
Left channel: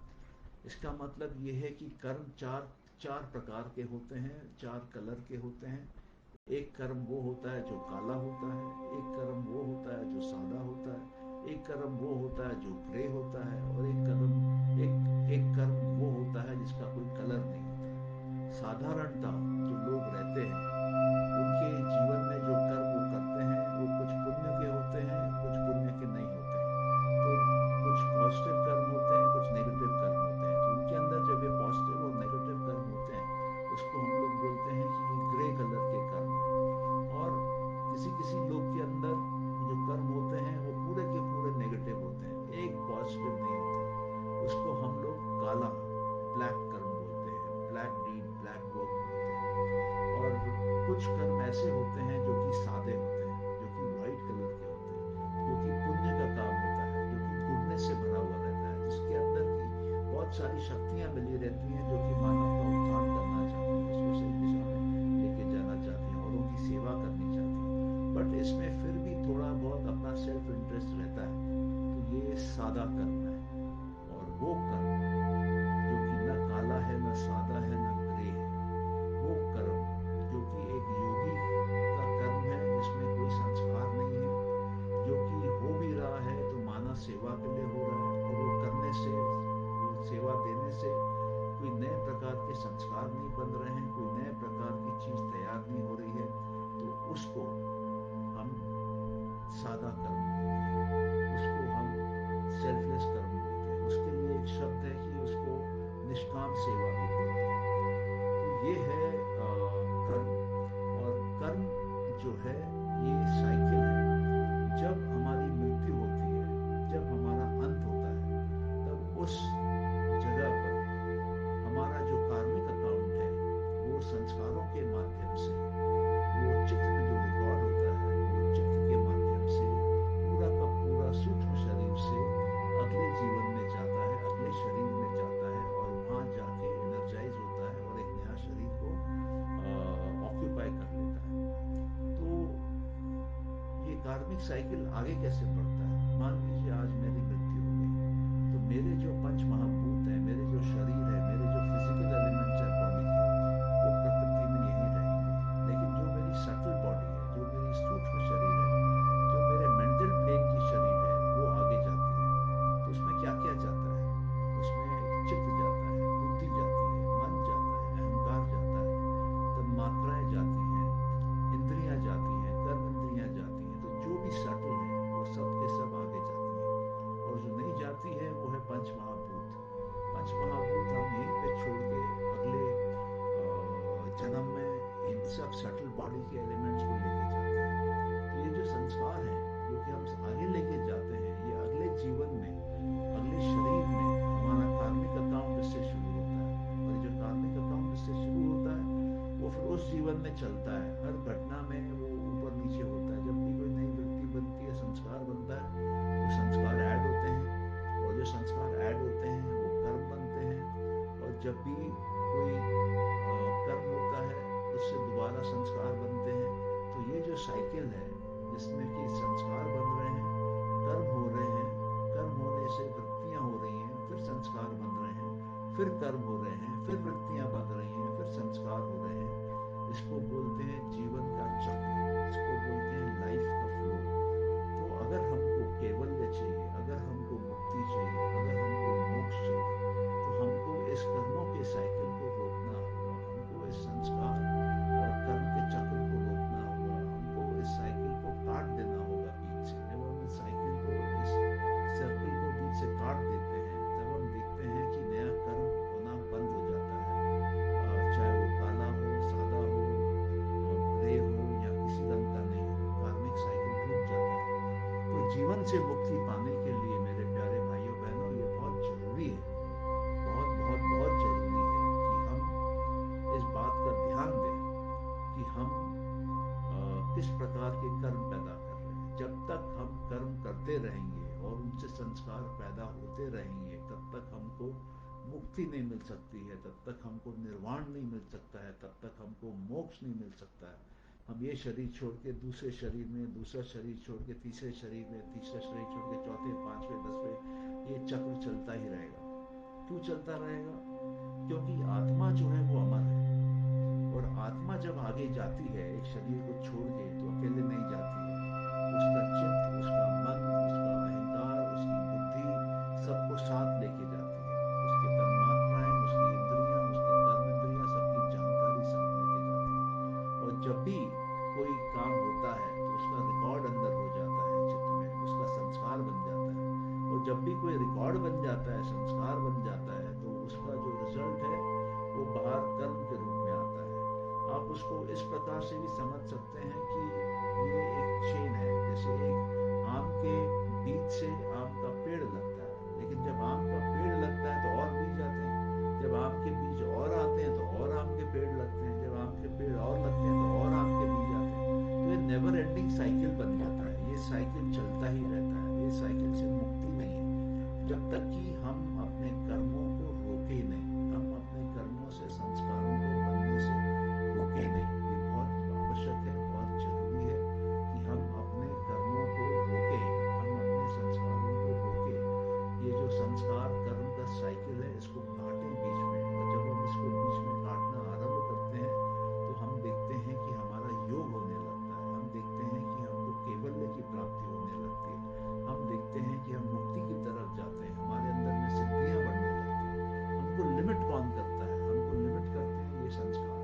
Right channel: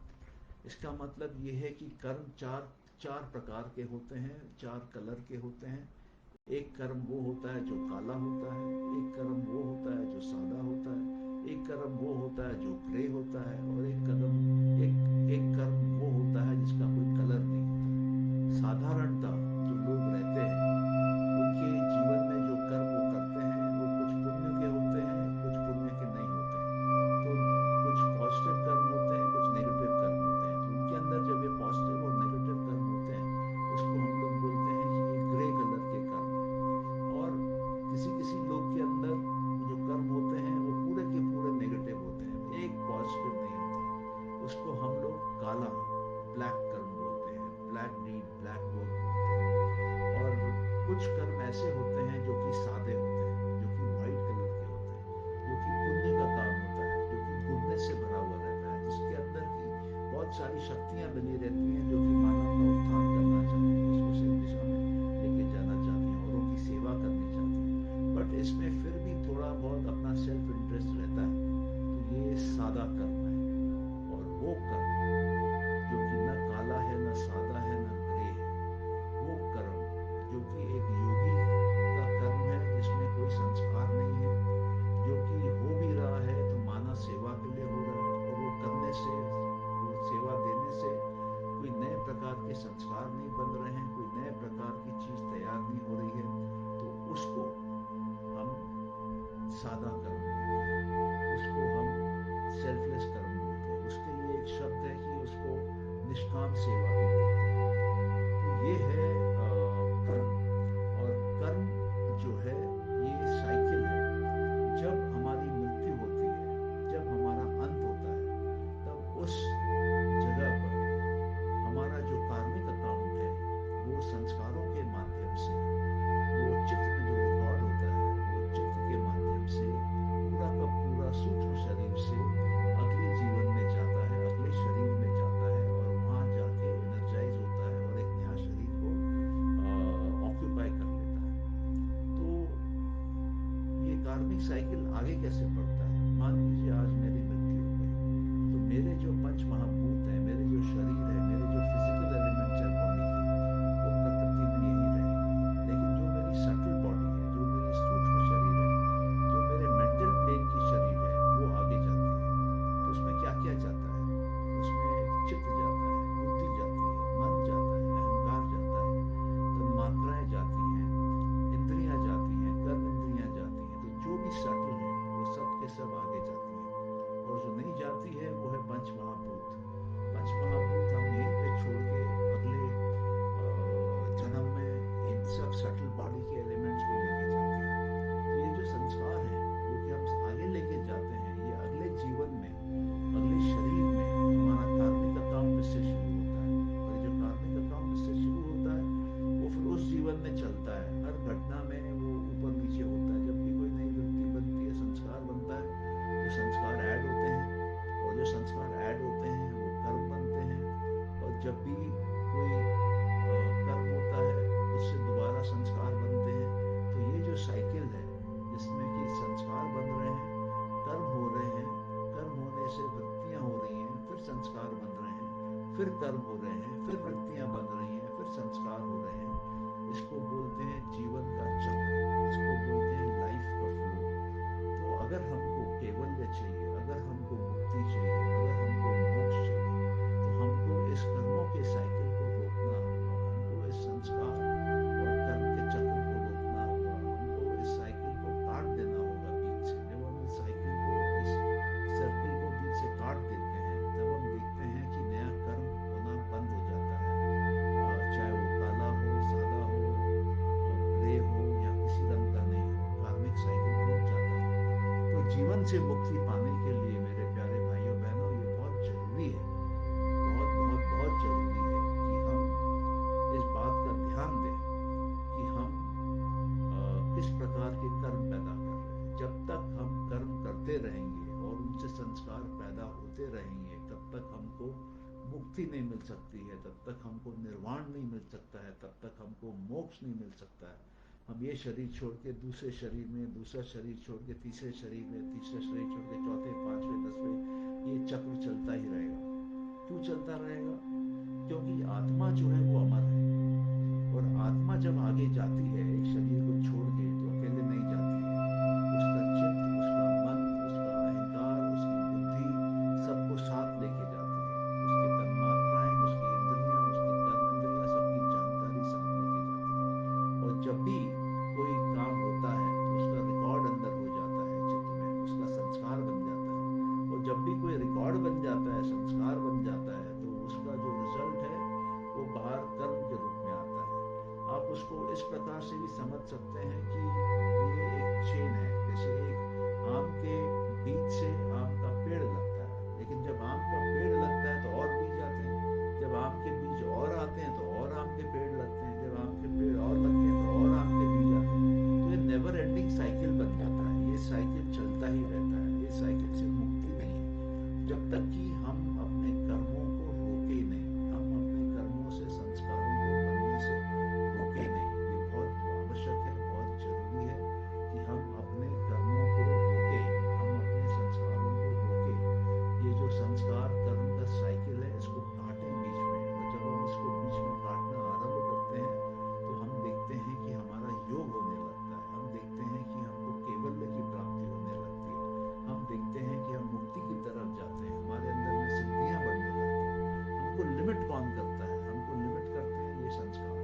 इसका मतलब ये है कि कर्म चार प्रकार के होते हैं, 4 कलर के होते हैं। एक कर्म वो होता है जो काला होता है, एक कर्म वो होता है जो सादा होता है, एक कर्म वो होता है जो ग्रे होता है, और एक कर्म वो होता है जिसका कोई कलर नहीं होता। साधारणता जो लोग रहते हैं उनके जीवन में जो कर्म वो करते हैं वो कुछ पुण्य के होते हैं, कुछ पुण्य के नहीं होते हैं। तो कुछ पॉजिटिव कर्म होते हैं, कुछ नेगेटिव कर्म होते हैं। तो उनके अंदर जब ये पॉजिटिव और नेगेटिव कर्म होते हैं, उसको हम लोग बोलते हैं कि ये ग्रे कलर के कर्म है। और किसी लोग के अंदर जो कर्म होते हैं वो पूरे के पूरे नेगेटिव होते हैं, एक पॉजिटिव नहीं होता। उसको हम लोग काला, ब्लैक कर्म बोलते हैं, ब्लैक डीड, ब्लैक वर्क बोलते हैं। और कुछ सारी शक्तियां मिली रहती हैं जो कि मानव का उत्थान करना चाहती हैं, उसको सही दिशा में लेके जाना चाहती हैं, औरों की सेवा करनी चाहती हैं। बट इसमें फिर भी थोड़ा बहुत अपना सेल्फ इंटरेस्ट रहता है। तो ये सादा कर्म है, और वो कर्म जो कि न काला है, न सादा है, न ग्रे है, वो कर्म जो कि एक योगी का कर्म है, जिसमें कोई संस्कार नहीं है, जो कि हो भी रहा है तो मानव सेवा के लिए हो रहा है, और वो करने से, वो सेवा देने से कोई नए प्रकार के संस्कार नहीं बन रहे हैं, कोई नए प्रकार की चीज तैयार नहीं हो रही है, तो उसको हम सादा कर्म बोलते हैं, उसको हम सेल्फलेस कर्म बोलते हैं। उसके लिए एक शब्द है कि उसको निष्काम सेवा भी बोलते हैं। तो ये है कर्म। और कर्म जो है ये साइकिल है। जब हमारी मृत्यु होती है, जब हमारा अंत होता है, तब उस जगह पर हमारा जो कार्मिक अकाउंट है, वो संस्कारों के माध्यम से, वो चित्त में जो रिकॉर्ड होता है, वो चित्त के माध्यम से पूरा का पूरा सूक्ष्म शरीर से अगले जीवन में जाता है, अगले शरीर में जाता है, और वहां जाके एनर्जाइज होता है और एक नया शरीर को ऑक्यूपाई कर लेता है। तो ये कार्मिक साइकिल आगे कैसे बढ़ता है? मान लीजिए आज मेरी मृत्यु हो गई, तो मेरे जो पंच महाभूत हैं, मेरे जो शरीर है, मेरे जो फिजिकल एलिमेंट्स है बॉडी के, वो प्रकृति में यही रहेंगे। लेकिन जो मेरी सटल बॉडी है, जो मेरी सूक्ष्म शरीर है, जो मेरे मेंटल प्लेन की शरीर है, वो आगे जाती है। तो उसमें क्या क्या जाता है? उसमें चित्त जाता है, बुद्धि जाती है, मन जाता है, अहंकार जाता है, तन्मात्राएं जाती हैं, इंद्रियां जाती हैं, कर्म इंद्रियां जाती हैं। तो जो भी सटल है वो सब के सब आगे जाती हैं, और जो नहीं जाती है वो है पंच महाभूत। पंच महाभूत हम यहीं पे छोड़ के अगले जन्म में इन सब सटल बॉडी के एलिमेंट्स को लेके जाते हैं। तो ये जो संस्कार हैं जो कि हम आगे लेके जाते हैं, ये अगले जीवन में, अगले शरीर में हमारा कार्मिक अकाउंट इससे शुरू होता है, और ये जो कार्मिक अकाउंट इससे शुरू होता है वो फिर उस जीवन में चलता है। हर घटना में वो ऊपर नीचे होता है। जब भी कोई नई वृत्ति बनती है, संस्कार बनता है, तो संस्कार ऐड होते हैं, और जो संस्कार ऐड होते हैं वो कर्म बनते हैं, और जब भी कोई कर्म होता है उससे दोबारा संस्कार बनते हैं। तो ये जो साइकिल है, जिसमें कि संस्कार बन रहे हैं, कर्म हो रहे हैं, कर्म होने से वृत्तियां हो रही हैं, फिर संस्कार बन रहे हैं, फिर कर्म हो रहे हैं, फिर वृत्तियां बन रही हैं, फिर संस्कार हो रहे हैं, इसको बोलते हैं जीवन का चक्र, इसको बोलते हैं लाइफ का फ्लो। तो अगर हमको कैवल्य चाहिए, अगर हमको मुक्ति चाहिए, अगर हमको मोक्ष चाहिए, तो हमको इस कर्मों के साइकिल को रोकना होगा, हमको इस संस्कार और कर्म के चक्र को रोकना होगा, हमको इस साइकिल को काट देना होगा बीच से। जब हम इस साइकिल को, इस सर्किल को बीच से काट देते हैं, तब हम देखते हैं कि नया कर्म होना बंद हो जाता है, चाहे वो काला हो, सादा हो, ग्रे हो, या किसी रंग का नहीं हो, कार्मिक साइकिल टूट जाता है। तो जीवन से मुक्ति पाने के लिए मेरे प्यारे भाइयों बहनों, ये बहुत जरूरी है, बहुत बहुत बहुत जरूरी है कि हम इस बात का ध्यान दें कि हम किस प्रकार के कर्म पैदा कर रहे हैं। जब तक हम कर्म करते रहेंगे और उनसे संस्कार पैदा होते रहेंगे, तब तक हमको मुक्ति नहीं मिल सकती है, तब तक हमको निर्वाण नहीं मिल सकता है, तब तक हमको मोक्ष नहीं मिल सकता है। हम ये शरीर छोड़ के दूसरे शरीर में, दूसरा शरीर छोड़ के तीसरे शरीर में, तीसरा शरीर छोड़ के चौथे, पांचवें, 10वें, ये चक्र चलता ही रहेगा। क्यों चलता रहेगा? क्योंकि आत्मा जो है वो अमर है, और आत्मा जब आगे जाती है एक शरीर को छोड़ के, तो अकेले नहीं जाती है। उसका चित्त, उसका मन, उसका अहंकार, उसकी बुद्धि सबको साथ लेके जाती है। उसके तन्मात्राएं, उसकी इंद्रियां, उसके कर्म इंद्रियां, सबकी जानकारी साथ लेके जाती है। और जब भी कोई काम होता है तो उसका रिकॉर्ड अंदर हो जाता है चित्त में, उसका संस्कार बन जाता है। और जब भी कोई रिकॉर्ड बन जाता है, संस्कार बन जाता है, तो उसका जो रिजल्ट है वो बाहर कर्म के रूप में आता है। आप उसको इस प्रकार से भी समझ सकते हैं कि ये एक चेन है। जैसे एक आम के बीज से आम का पेड़ लगता है, लेकिन जब आम का पेड़ लगता है तो और बीज आते हैं, जब आम के बीज और आते हैं तो और आम के पेड़ लगते हैं, जब आम के पेड़ और लगते हैं तो और आम के बीज आते हैं। तो ये नेवर एंडिंग साइकिल बन जाता है। ये साइकिल चलता ही रहता है, ये साइकिल से मुक्ति नहीं है। जब तक कि हम अपने कर्मों को रोके नहीं, हम अपने कर्मों से, संस्कारों को बनने से रोके नहीं। ये बहुत आवश्यक है, बहुत जरूरी है कि हम अपने कर्मों को रोके, हम अपने संस्कारों को रोके। ये जो संस्कार कर्म का साइकिल है, इसको काटें बीच में। और जब हम इसको बीच में काटना आरंभ करते हैं तो हम देखते हैं कि हमारा योग होने लगता है, हम देखते हैं कि हमको कैवल्य की प्राप्ति होने लगती है, हम देखते हैं कि हम मुक्ति की तरफ जाते हैं, हमारे अंदर में सिद्धियां बढ़ने लगती हैं। हमको लिमिट कौन करता है? हमको लिमिट करते हैं ये संस्कार।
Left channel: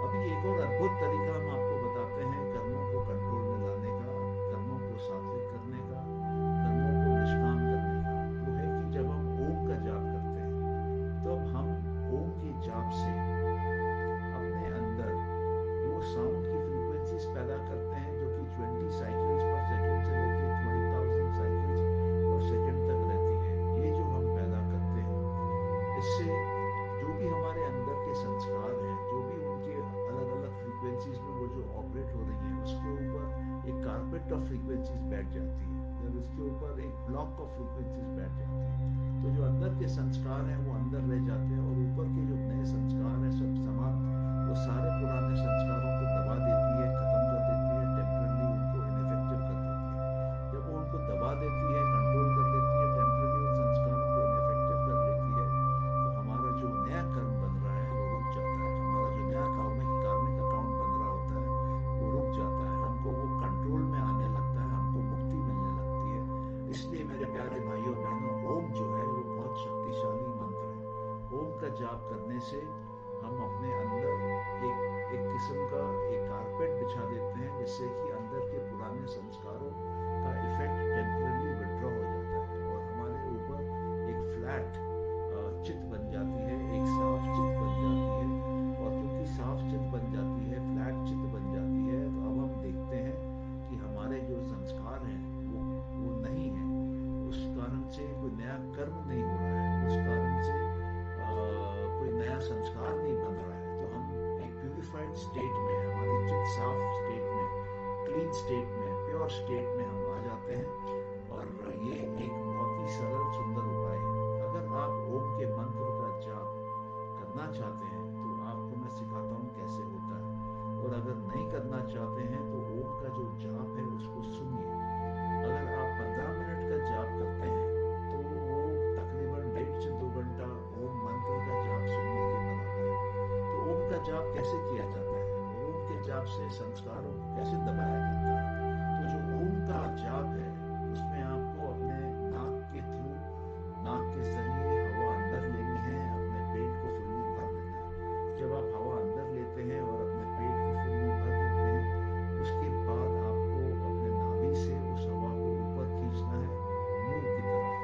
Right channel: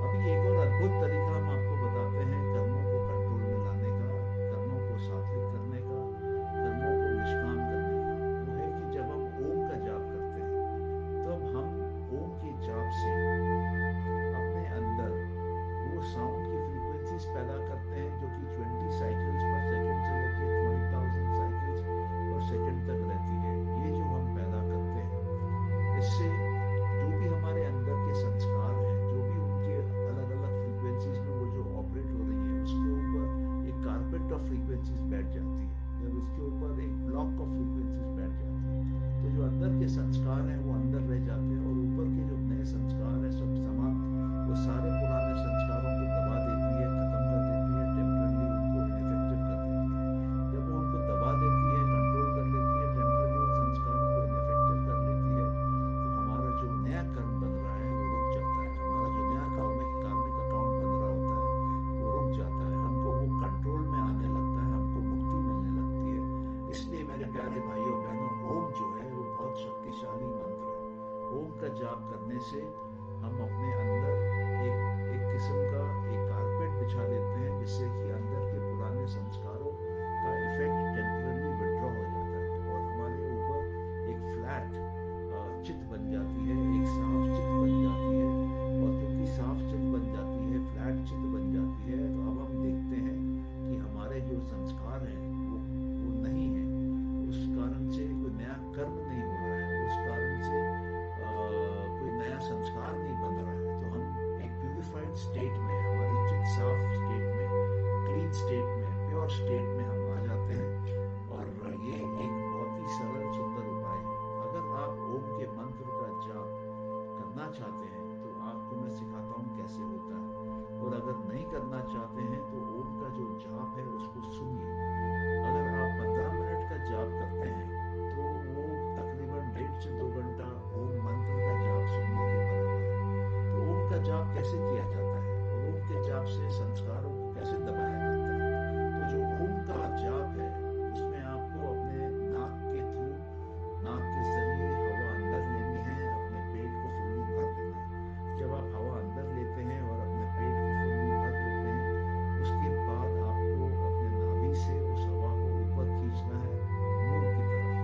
अभी एक और अद्भुत तरीका हम आपको बताते हैं कर्मों को कंट्रोल में लाने का, कर्मों को सात्विक करने का, कर्मों को निष्काम करने का। वो है कि जब हम ओम का जाप करते हैं, तब हम ओम के जाप से अपने अंदर वो साउंड की फ्रीक्वेंसीज पैदा करते हैं जो कि 20 साइकिल्स पर सेकंड से लेकर 20,000 साइकिल्स पर सेकंड तक रहती है। ये जो हम पैदा करते हैं, इससे जो भी हमारे अंदर के संस्कार हैं, जो भी उनके अलग अलग फ्रीक्वेंसीज में वो जो ऑपरेट हो रही है, उसके ऊपर एक कारपेट ऑफ फ्रीक्वेंसीज बैठ जाती है, जब उसके ऊपर एक ब्लॉक ऑफ फ्रीक्वेंसीज बैठ जाती है, तो जो अंदर के संस्कार हैं वो अंदर रह जाते हैं, और ऊपर के जो नए संस्कार हैं सब समाप्त, वो सारे पुराने संस्कारों को दबा देती है, खत्म कर देती है, टेम्परली उनको इनइफेक्टिव कर देती है। जब वो उनको दबा देती है, कंट्रोल कर लेती है, टेम्परली उन संस्कारों को इनइफेक्टिव कर लेती है, तो हमारा जो नया कर्म बन रहा है वो रुक जाता है, हमारा जो नया कार्मिक अकाउंट बन रहा होता है वो रुक जाता है, हमको वो कंट्रोल में आने लगता है, हमको मुक्ति मिलने लगती है। इसलिए मेरे प्यारे भाइयों बहनों, ओम जो है वो बहुत शक्तिशाली मंत्र है। ओम का जाप करने से हम अपने अंदर एक किस्म का एक कारपेट बिछा देते हैं, जिससे कि अंदर के पुराने संस्कारों का इफेक्ट टेम्पररी विड्रॉ हो जाता है, और हमारे ऊपर एक फ्लैट चित्त बन जाती है, एक साफ चित्त बन जाती है। और क्योंकि साफ चित्त बन जाती है, फ्लैट चित्त बन जाती है, तो अब हम देखते हैं कि हमारे जो संस्कार हैं वो नहीं है, उस कारण से कोई नया कर्म नहीं हो रहा है, उस कारण से कोई नया संस्कार नहीं बन रहा है। तो हम एक प्यूरिफाइड स्टेट में, हमारी चित्त साफ स्टेट में, क्लीन स्टेट में, प्योर स्टेट में हम आ जाते हैं। और ये एक बहुत ही सरल सुंदर उपाय है। अगर आप ओम के मंत्र का जाप करना चाहते हैं तो आपको मैं सिखाता हूँ कैसे होता है, और अगर नहीं करना चाहते हैं तो ओम का जो जाप है उसको सुनिए। अगर आप 15 मिनट का जाप करते हैं तो वो तकरीबन 1.5 से 2 घंटा ओम मंत्र का जाप सुनने के बराबर है। तो ओम का जाप कैसे किया जाता है और ओम के जाप से संस्कारों को कैसे दबाया जाता है? तो जो ओम का जाप है उसमें आपको अपने नाक के थ्रू, नाक के जरिए हवा अंदर लेनी है, अपने पेट को फुल्ली भर देना है। जब आप हवा अंदर लेते हैं और अपने पेट को फुल्ली भर लेते हैं, उसके बाद आपको अपने नाभि से उस हवा को ऊपर खींचना है मुंह की तरफ,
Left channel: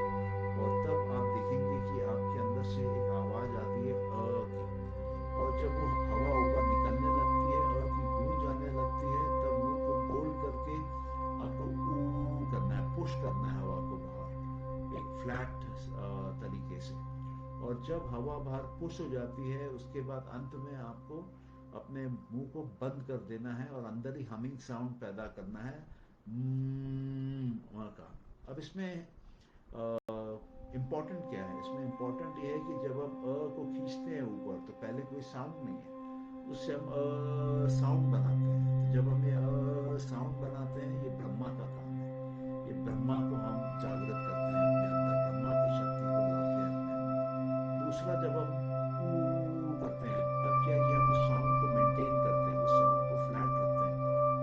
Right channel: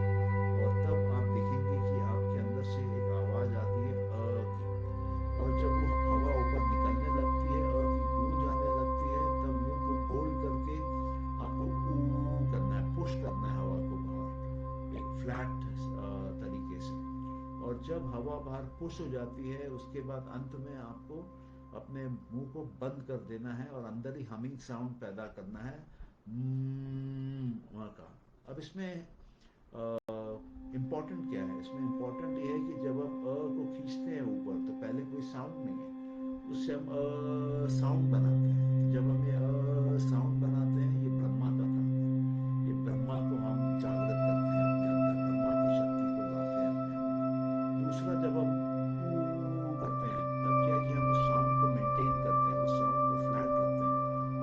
और तब आप देखेंगे कि आपके अंदर से एक आवाज आती है अ की, और जब वो हवा ऊपर निकलने लगती है, अ की गूंज आने लगती है, तब मुंह को गोल करके आपको ऊ करना है, पुश करना है हवा को बाहर एक फ्लैट तरीके से। और जब हवा बाहर पुश हो जाती है, उसके बाद अंत में आपको अपने मुंह को बंद कर देना है और अंदर ही हमिंग साउंड पैदा करना है वहाँ का। अब इसमें इम्पॉर्टेंट क्या है? इसमें इम्पॉर्टेंट ये है कि जब हम अ को खींचते हैं ऊपर तो पहले कोई साउंड नहीं है, उससे हम साउंड बनाते हैं। तो जब हम ये साउंड बनाते हैं, ये ब्रह्मा का काम है, ये ब्रह्मा को हम जागृत करते हैं अपने अंदर, ब्रह्मा की शक्ति को लाते हैं अपने अंदर। दूसरा, जब हम करते हैं तब क्या है कि हम उस साउंड को मेंटेन करते हैं, उस साउंड को फ्लैट रखते हैं,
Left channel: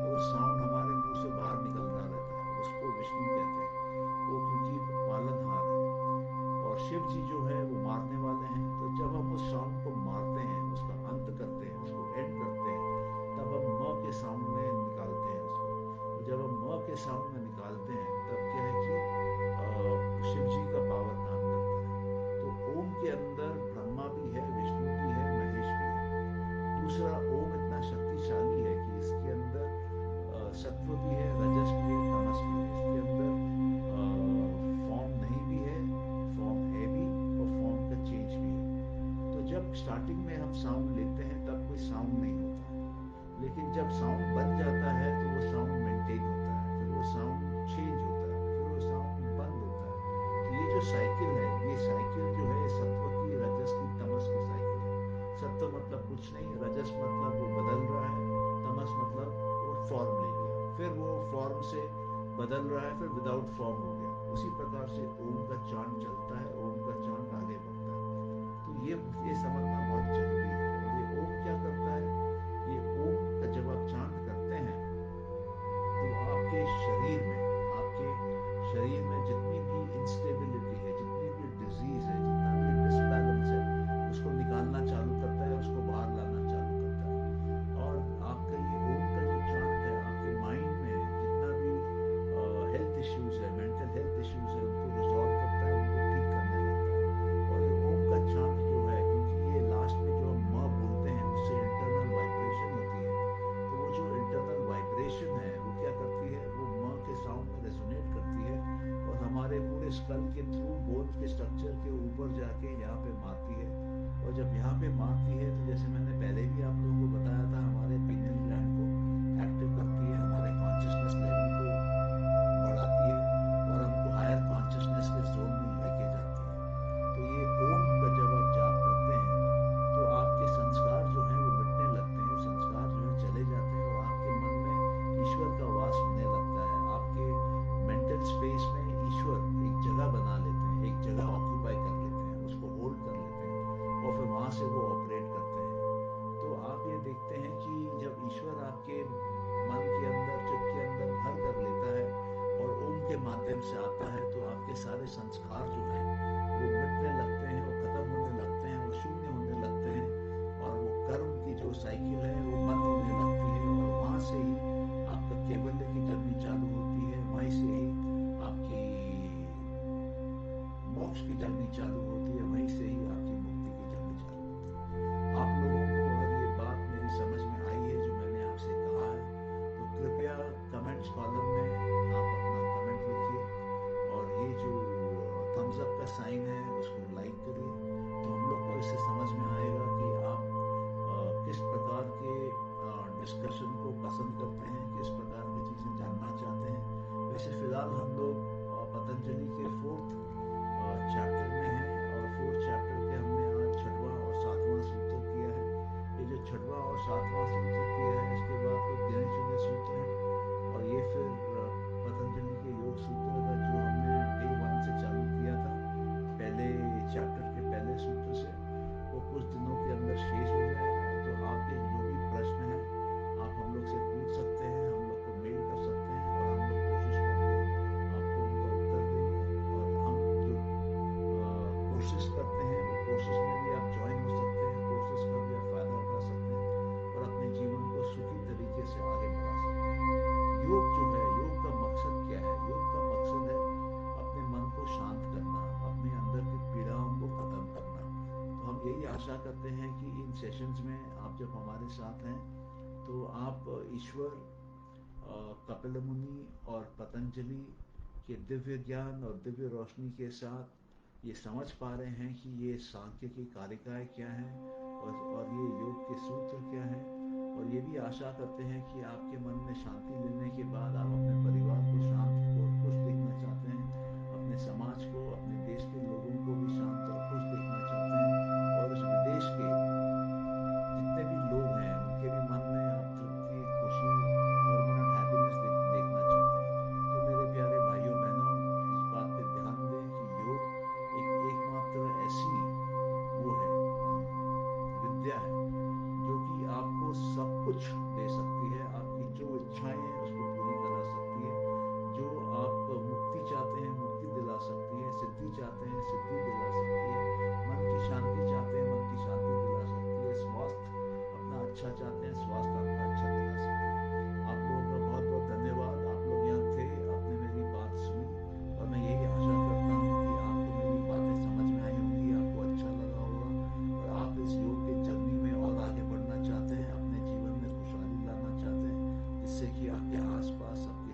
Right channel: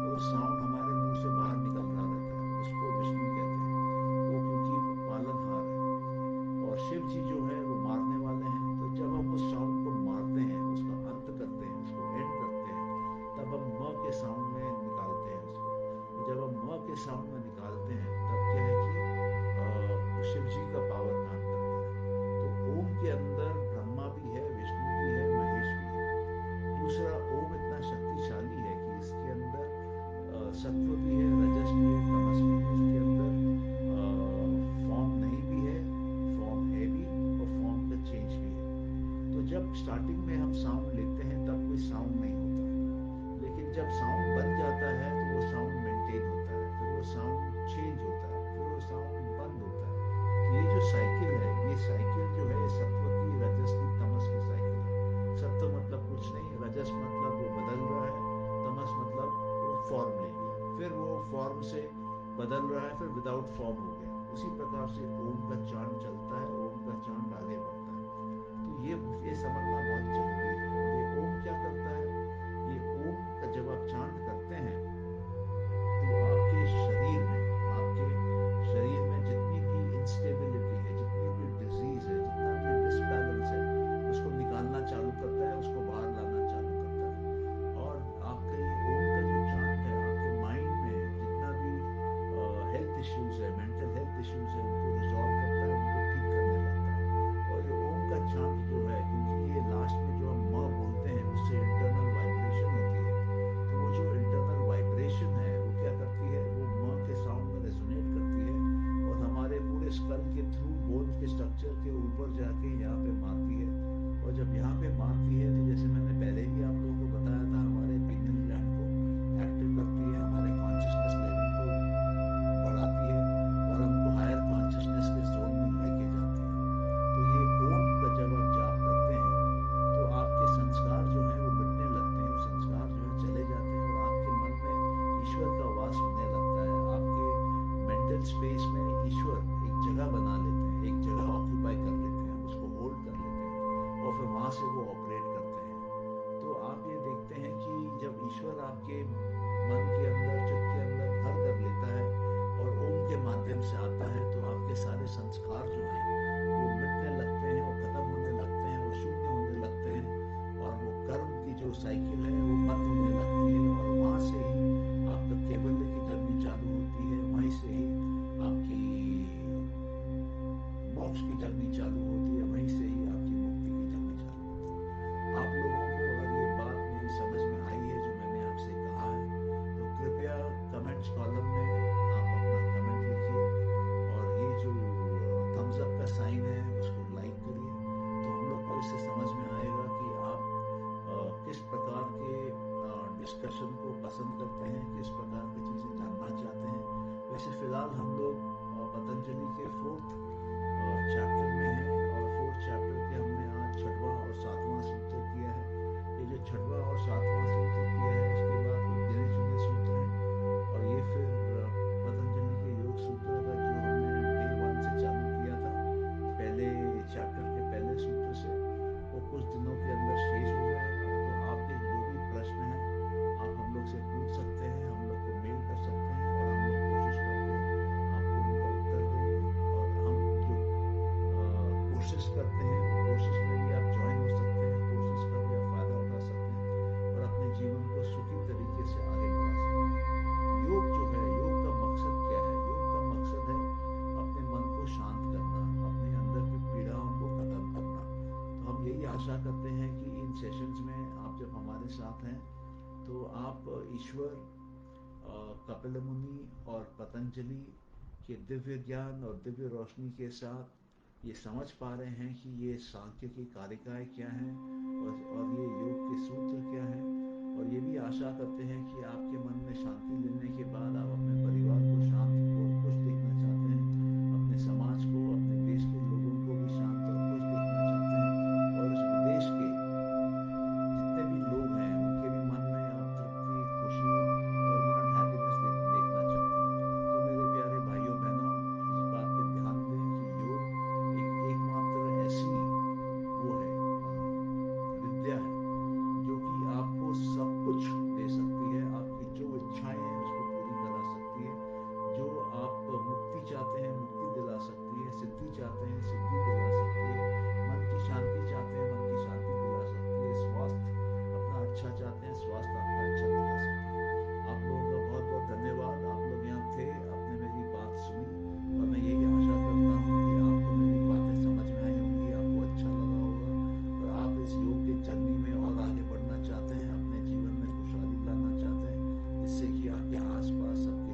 और उस साउंड हमारे मुंह से बाहर निकल रहा रहता है। उसको विष्णु कहते हैं, वो क्योंकि पालनहार है, और शिव जी जो है वो मारने वाले हैं। तो जब हम उस साउंड को मारते हैं, उसका अंत करते हैं, उसको एंड करते हैं, तब हम म के साउंड में निकालते हैं उसको। तो जब हम म के साउंड में निकालते हैं तब क्या है कि शिव जी का पावर काम करता है। तो ओम के अंदर ब्रह्मा भी है, विष्णु भी है, महेश भी है। दूसरा, ओम इतना शक्तिशाली है कि इसके अंदर सत्व भी है, रजस भी है, तमस भी है। इसके अंदर फॉर्म नहीं भी है, फॉर्म है भी, और फॉर्म का चेंज भी है। तो जब स्टार्टिंग में हम साउंड लेते हैं तब कोई साउंड नहीं होता, लेकिन जब साउंड बन जाता है तो वो साउंड मेंटेन होता है, फिर वो साउंड चेंज होता है, फिर वो साउंड बंद होता है। तो ये जो साइकिल है, ये साइकिल जो है सत्व की, रजस की, तमस की साइकिल है। सत्व मतलब कुछ नहीं, रजस मतलब वो बदल रहा है, तमस मतलब वो फॉर्म ले लिया, फिर वो फॉर्म से बदल रहा है, फिर विदाउट फॉर्म हो गया। उसी प्रकार से ओम का चांद चलता है, ओम का चांद आगे बढ़ता है। तो ये समझना बहुत जरूरी है। और ये ओम क्या करता है, ये ओम का जब आप चांद करते हैं तो आपके शरीर में जितनी भी इंस्टेबिलिटी है, जितनी भी डिजीज है, जितना भी डिसबैलेंस है, उसको निकालना चालू करता है, उसको बाहर लाना चालू करता है। और आपका ये ओम का जो चांट है, आपके माइंड में जितना भी हेल्थ इश्यूज है, मेंटल हेल्थ इश्यूज है, उनको रिजॉल्व करता है, उनको ठीक करने लगता है। और ये ओम का चांट जो है, क्योंकि ये लास्ट में जो हम म बोलते हैं उससे इंटरनल वाइब्रेशन होती है, तो वो जो इंटरनल वाइब्रेशन है वो क्या करती है, वो म के साउंड में रेजोनेट करती है और हमारे पूरे स्कल के थ्रू बोन के स्ट्रक्चर के ऊपर जाके यहाँ पे मारती है। और जब यहाँ पे मारती है तो जैसे मैंने पहले भी आप लोगों को बताया था, हमारे पिनियल ग्लैंड को एक्टिव करती है, हमारे कॉन्शियसनेस लेवल को बढ़ाती है और हमको हायर कॉन्शियसनेस के जोन में लेके जाती है। तो ये ओम का जब आप जाप करते हैं तो आपके संस्कार जो हैं वो मिटने लगते हैं, संस्कार जो है चले जाते हैं और आपके मन में ईश्वर का वास होने लगता है। आपके मेंटल स्पेस में ईश्वर एक जगह बना लेते हैं, एक जगह ऑक्यूपाई कर लेते हैं, उसको होल्ड कर लेते हैं और फिर वहाँ से वो ऑपरेट करते हैं। तो आप ये देखते हैं कि जब ईश्वर आपके मन के अंदर, चित्त के अंदर घर कर लेता है और ओम के माध्यम से आता है, तो आपके सारे संस्कार जो हैं वो मिटने लगते हैं और खत्म होने लगते हैं और शून्य होने लगते हैं और वो कर्म की जो साइकिल है वो बंद होने लगती है और वहाँ से ही आपका कैवल्य की जर्नी चालू होती है, वहीं से ही आपकी मोक्ष की जर्नी चालू होती है, वहीं से ही आपकी मुक्ति की जर्नी चालू होती है। आप लोगों को अगर ये बात मेरी समझ में आई है जो मैंने आपसे कहा है, तो कृपया कमेंट्स कॉलम में आप अपना कमेंट लिखिए और ये जो थम्स अप का साइन है उसको लाइक करिए, तो हम लोग को इससे समझ में आएगा कि आप किस प्रकार के डिस्कशन को पसंद करते हैं, किस प्रकार की चीज़ें जानना चाहते हैं। वैसे फिलहाल हम लोग पतंजलि के 4th चैप्टर में हैं और 4th चैप्टर के हमने आज 6वां और 7वां सूत्र किया है। ये जो 6वां और 7वां सूत्र किया है, इसके बाद कुछ गिने चुने सूत्र हैं और ये फिर पतंजलि के योग सूत्र का जो हमने डे 1 से चालू किया था, पहले चैप्टर के पहले सूत्र से, वो कुछ दिनों के अंदर शेष हो जाएगा। तो आपके जो भी प्रश्न हैं आप हम लोग से पूछ सकते हैं, हम लोग को मेल कर सकते हैं और हम लोग कोशिश करके आपको उनका उत्तर देंगे। और हम जो कोर्सेज करते हैं वो कोर्सेज में भी आप ज्वाइन हो सकते हैं, कोर्सेज का भी आप फ़ायदा उठा सकते हैं और अपने जीवन को सुखी तरीके से आगे बढ़ा सकते हैं। योग जो है, योग का मकसद क्या है? योग का मकसद है अपने मन को शांत करना, अपने अंदर की पीड़ाओं को ख़त्म करना। तो हम यही आशा करते हैं कि इन सेशंस में आप जब हमारे साथ हैं तो आप ईश्वर, कपिल मुनि और पतंजलि के दिव्य ज्ञान और दिव्य रोशनी के साथ ये समझ पा रहे हैं कि ये सांख्य की कारिकाएँ क्या हैं और ये योग के सूत्र क्या हैं। और ये भी आशा करते हैं कि आपके मन में शांति लेने के बाद आप अपने परिवार को शांत और खुश देखना चाहते हैं, अपने समाज को, अपने देश के लोगों को भी शांत और खुश देखना चाहते हैं और इस विदेश के जितने भी लोग हैं उनके भी मन में आप तृप्ति, खुशी, परमानेंट हैप्पीनेस देखना चाहते हैं। तो मेरे प्यारे भाइयों बहनों, इस बात पे ध्यान दें कि योग एकमात्र ऐसी वो है विद्या है जो कि आपको सब कुछ दे सकती है, आपकी जो इच्छाएं हैं उसको पूरी करा सकती है, जो आप मुक्ति चाहते हैं मुक्ति दिला सकती है, सिद्धि चाहते हैं सिद्धि दिला सकती है, मन की शांति चाहते हैं मन की शांति दिला सकती है, स्वास्थ्य अपना अच्छा चाहते हैं स्वास्थ्य आपका अच्छा दिला सकती है। आप लोगों का बहुत बहुत धन्यवाद, आप लोग यहाँ थे, आपने मेरी बात सुनी और मैं यही आशा करता हूँ कि आपको मेरी बातें समझ में आई होंगी, आपको अच्छा लगा होगा और आप इस योग के जर्नी में और आगे बढ़ना चाहते हैं, अपने जीवन में खुशहाली लाना चाहते हैं, जिससे कि आपके आसपास सबके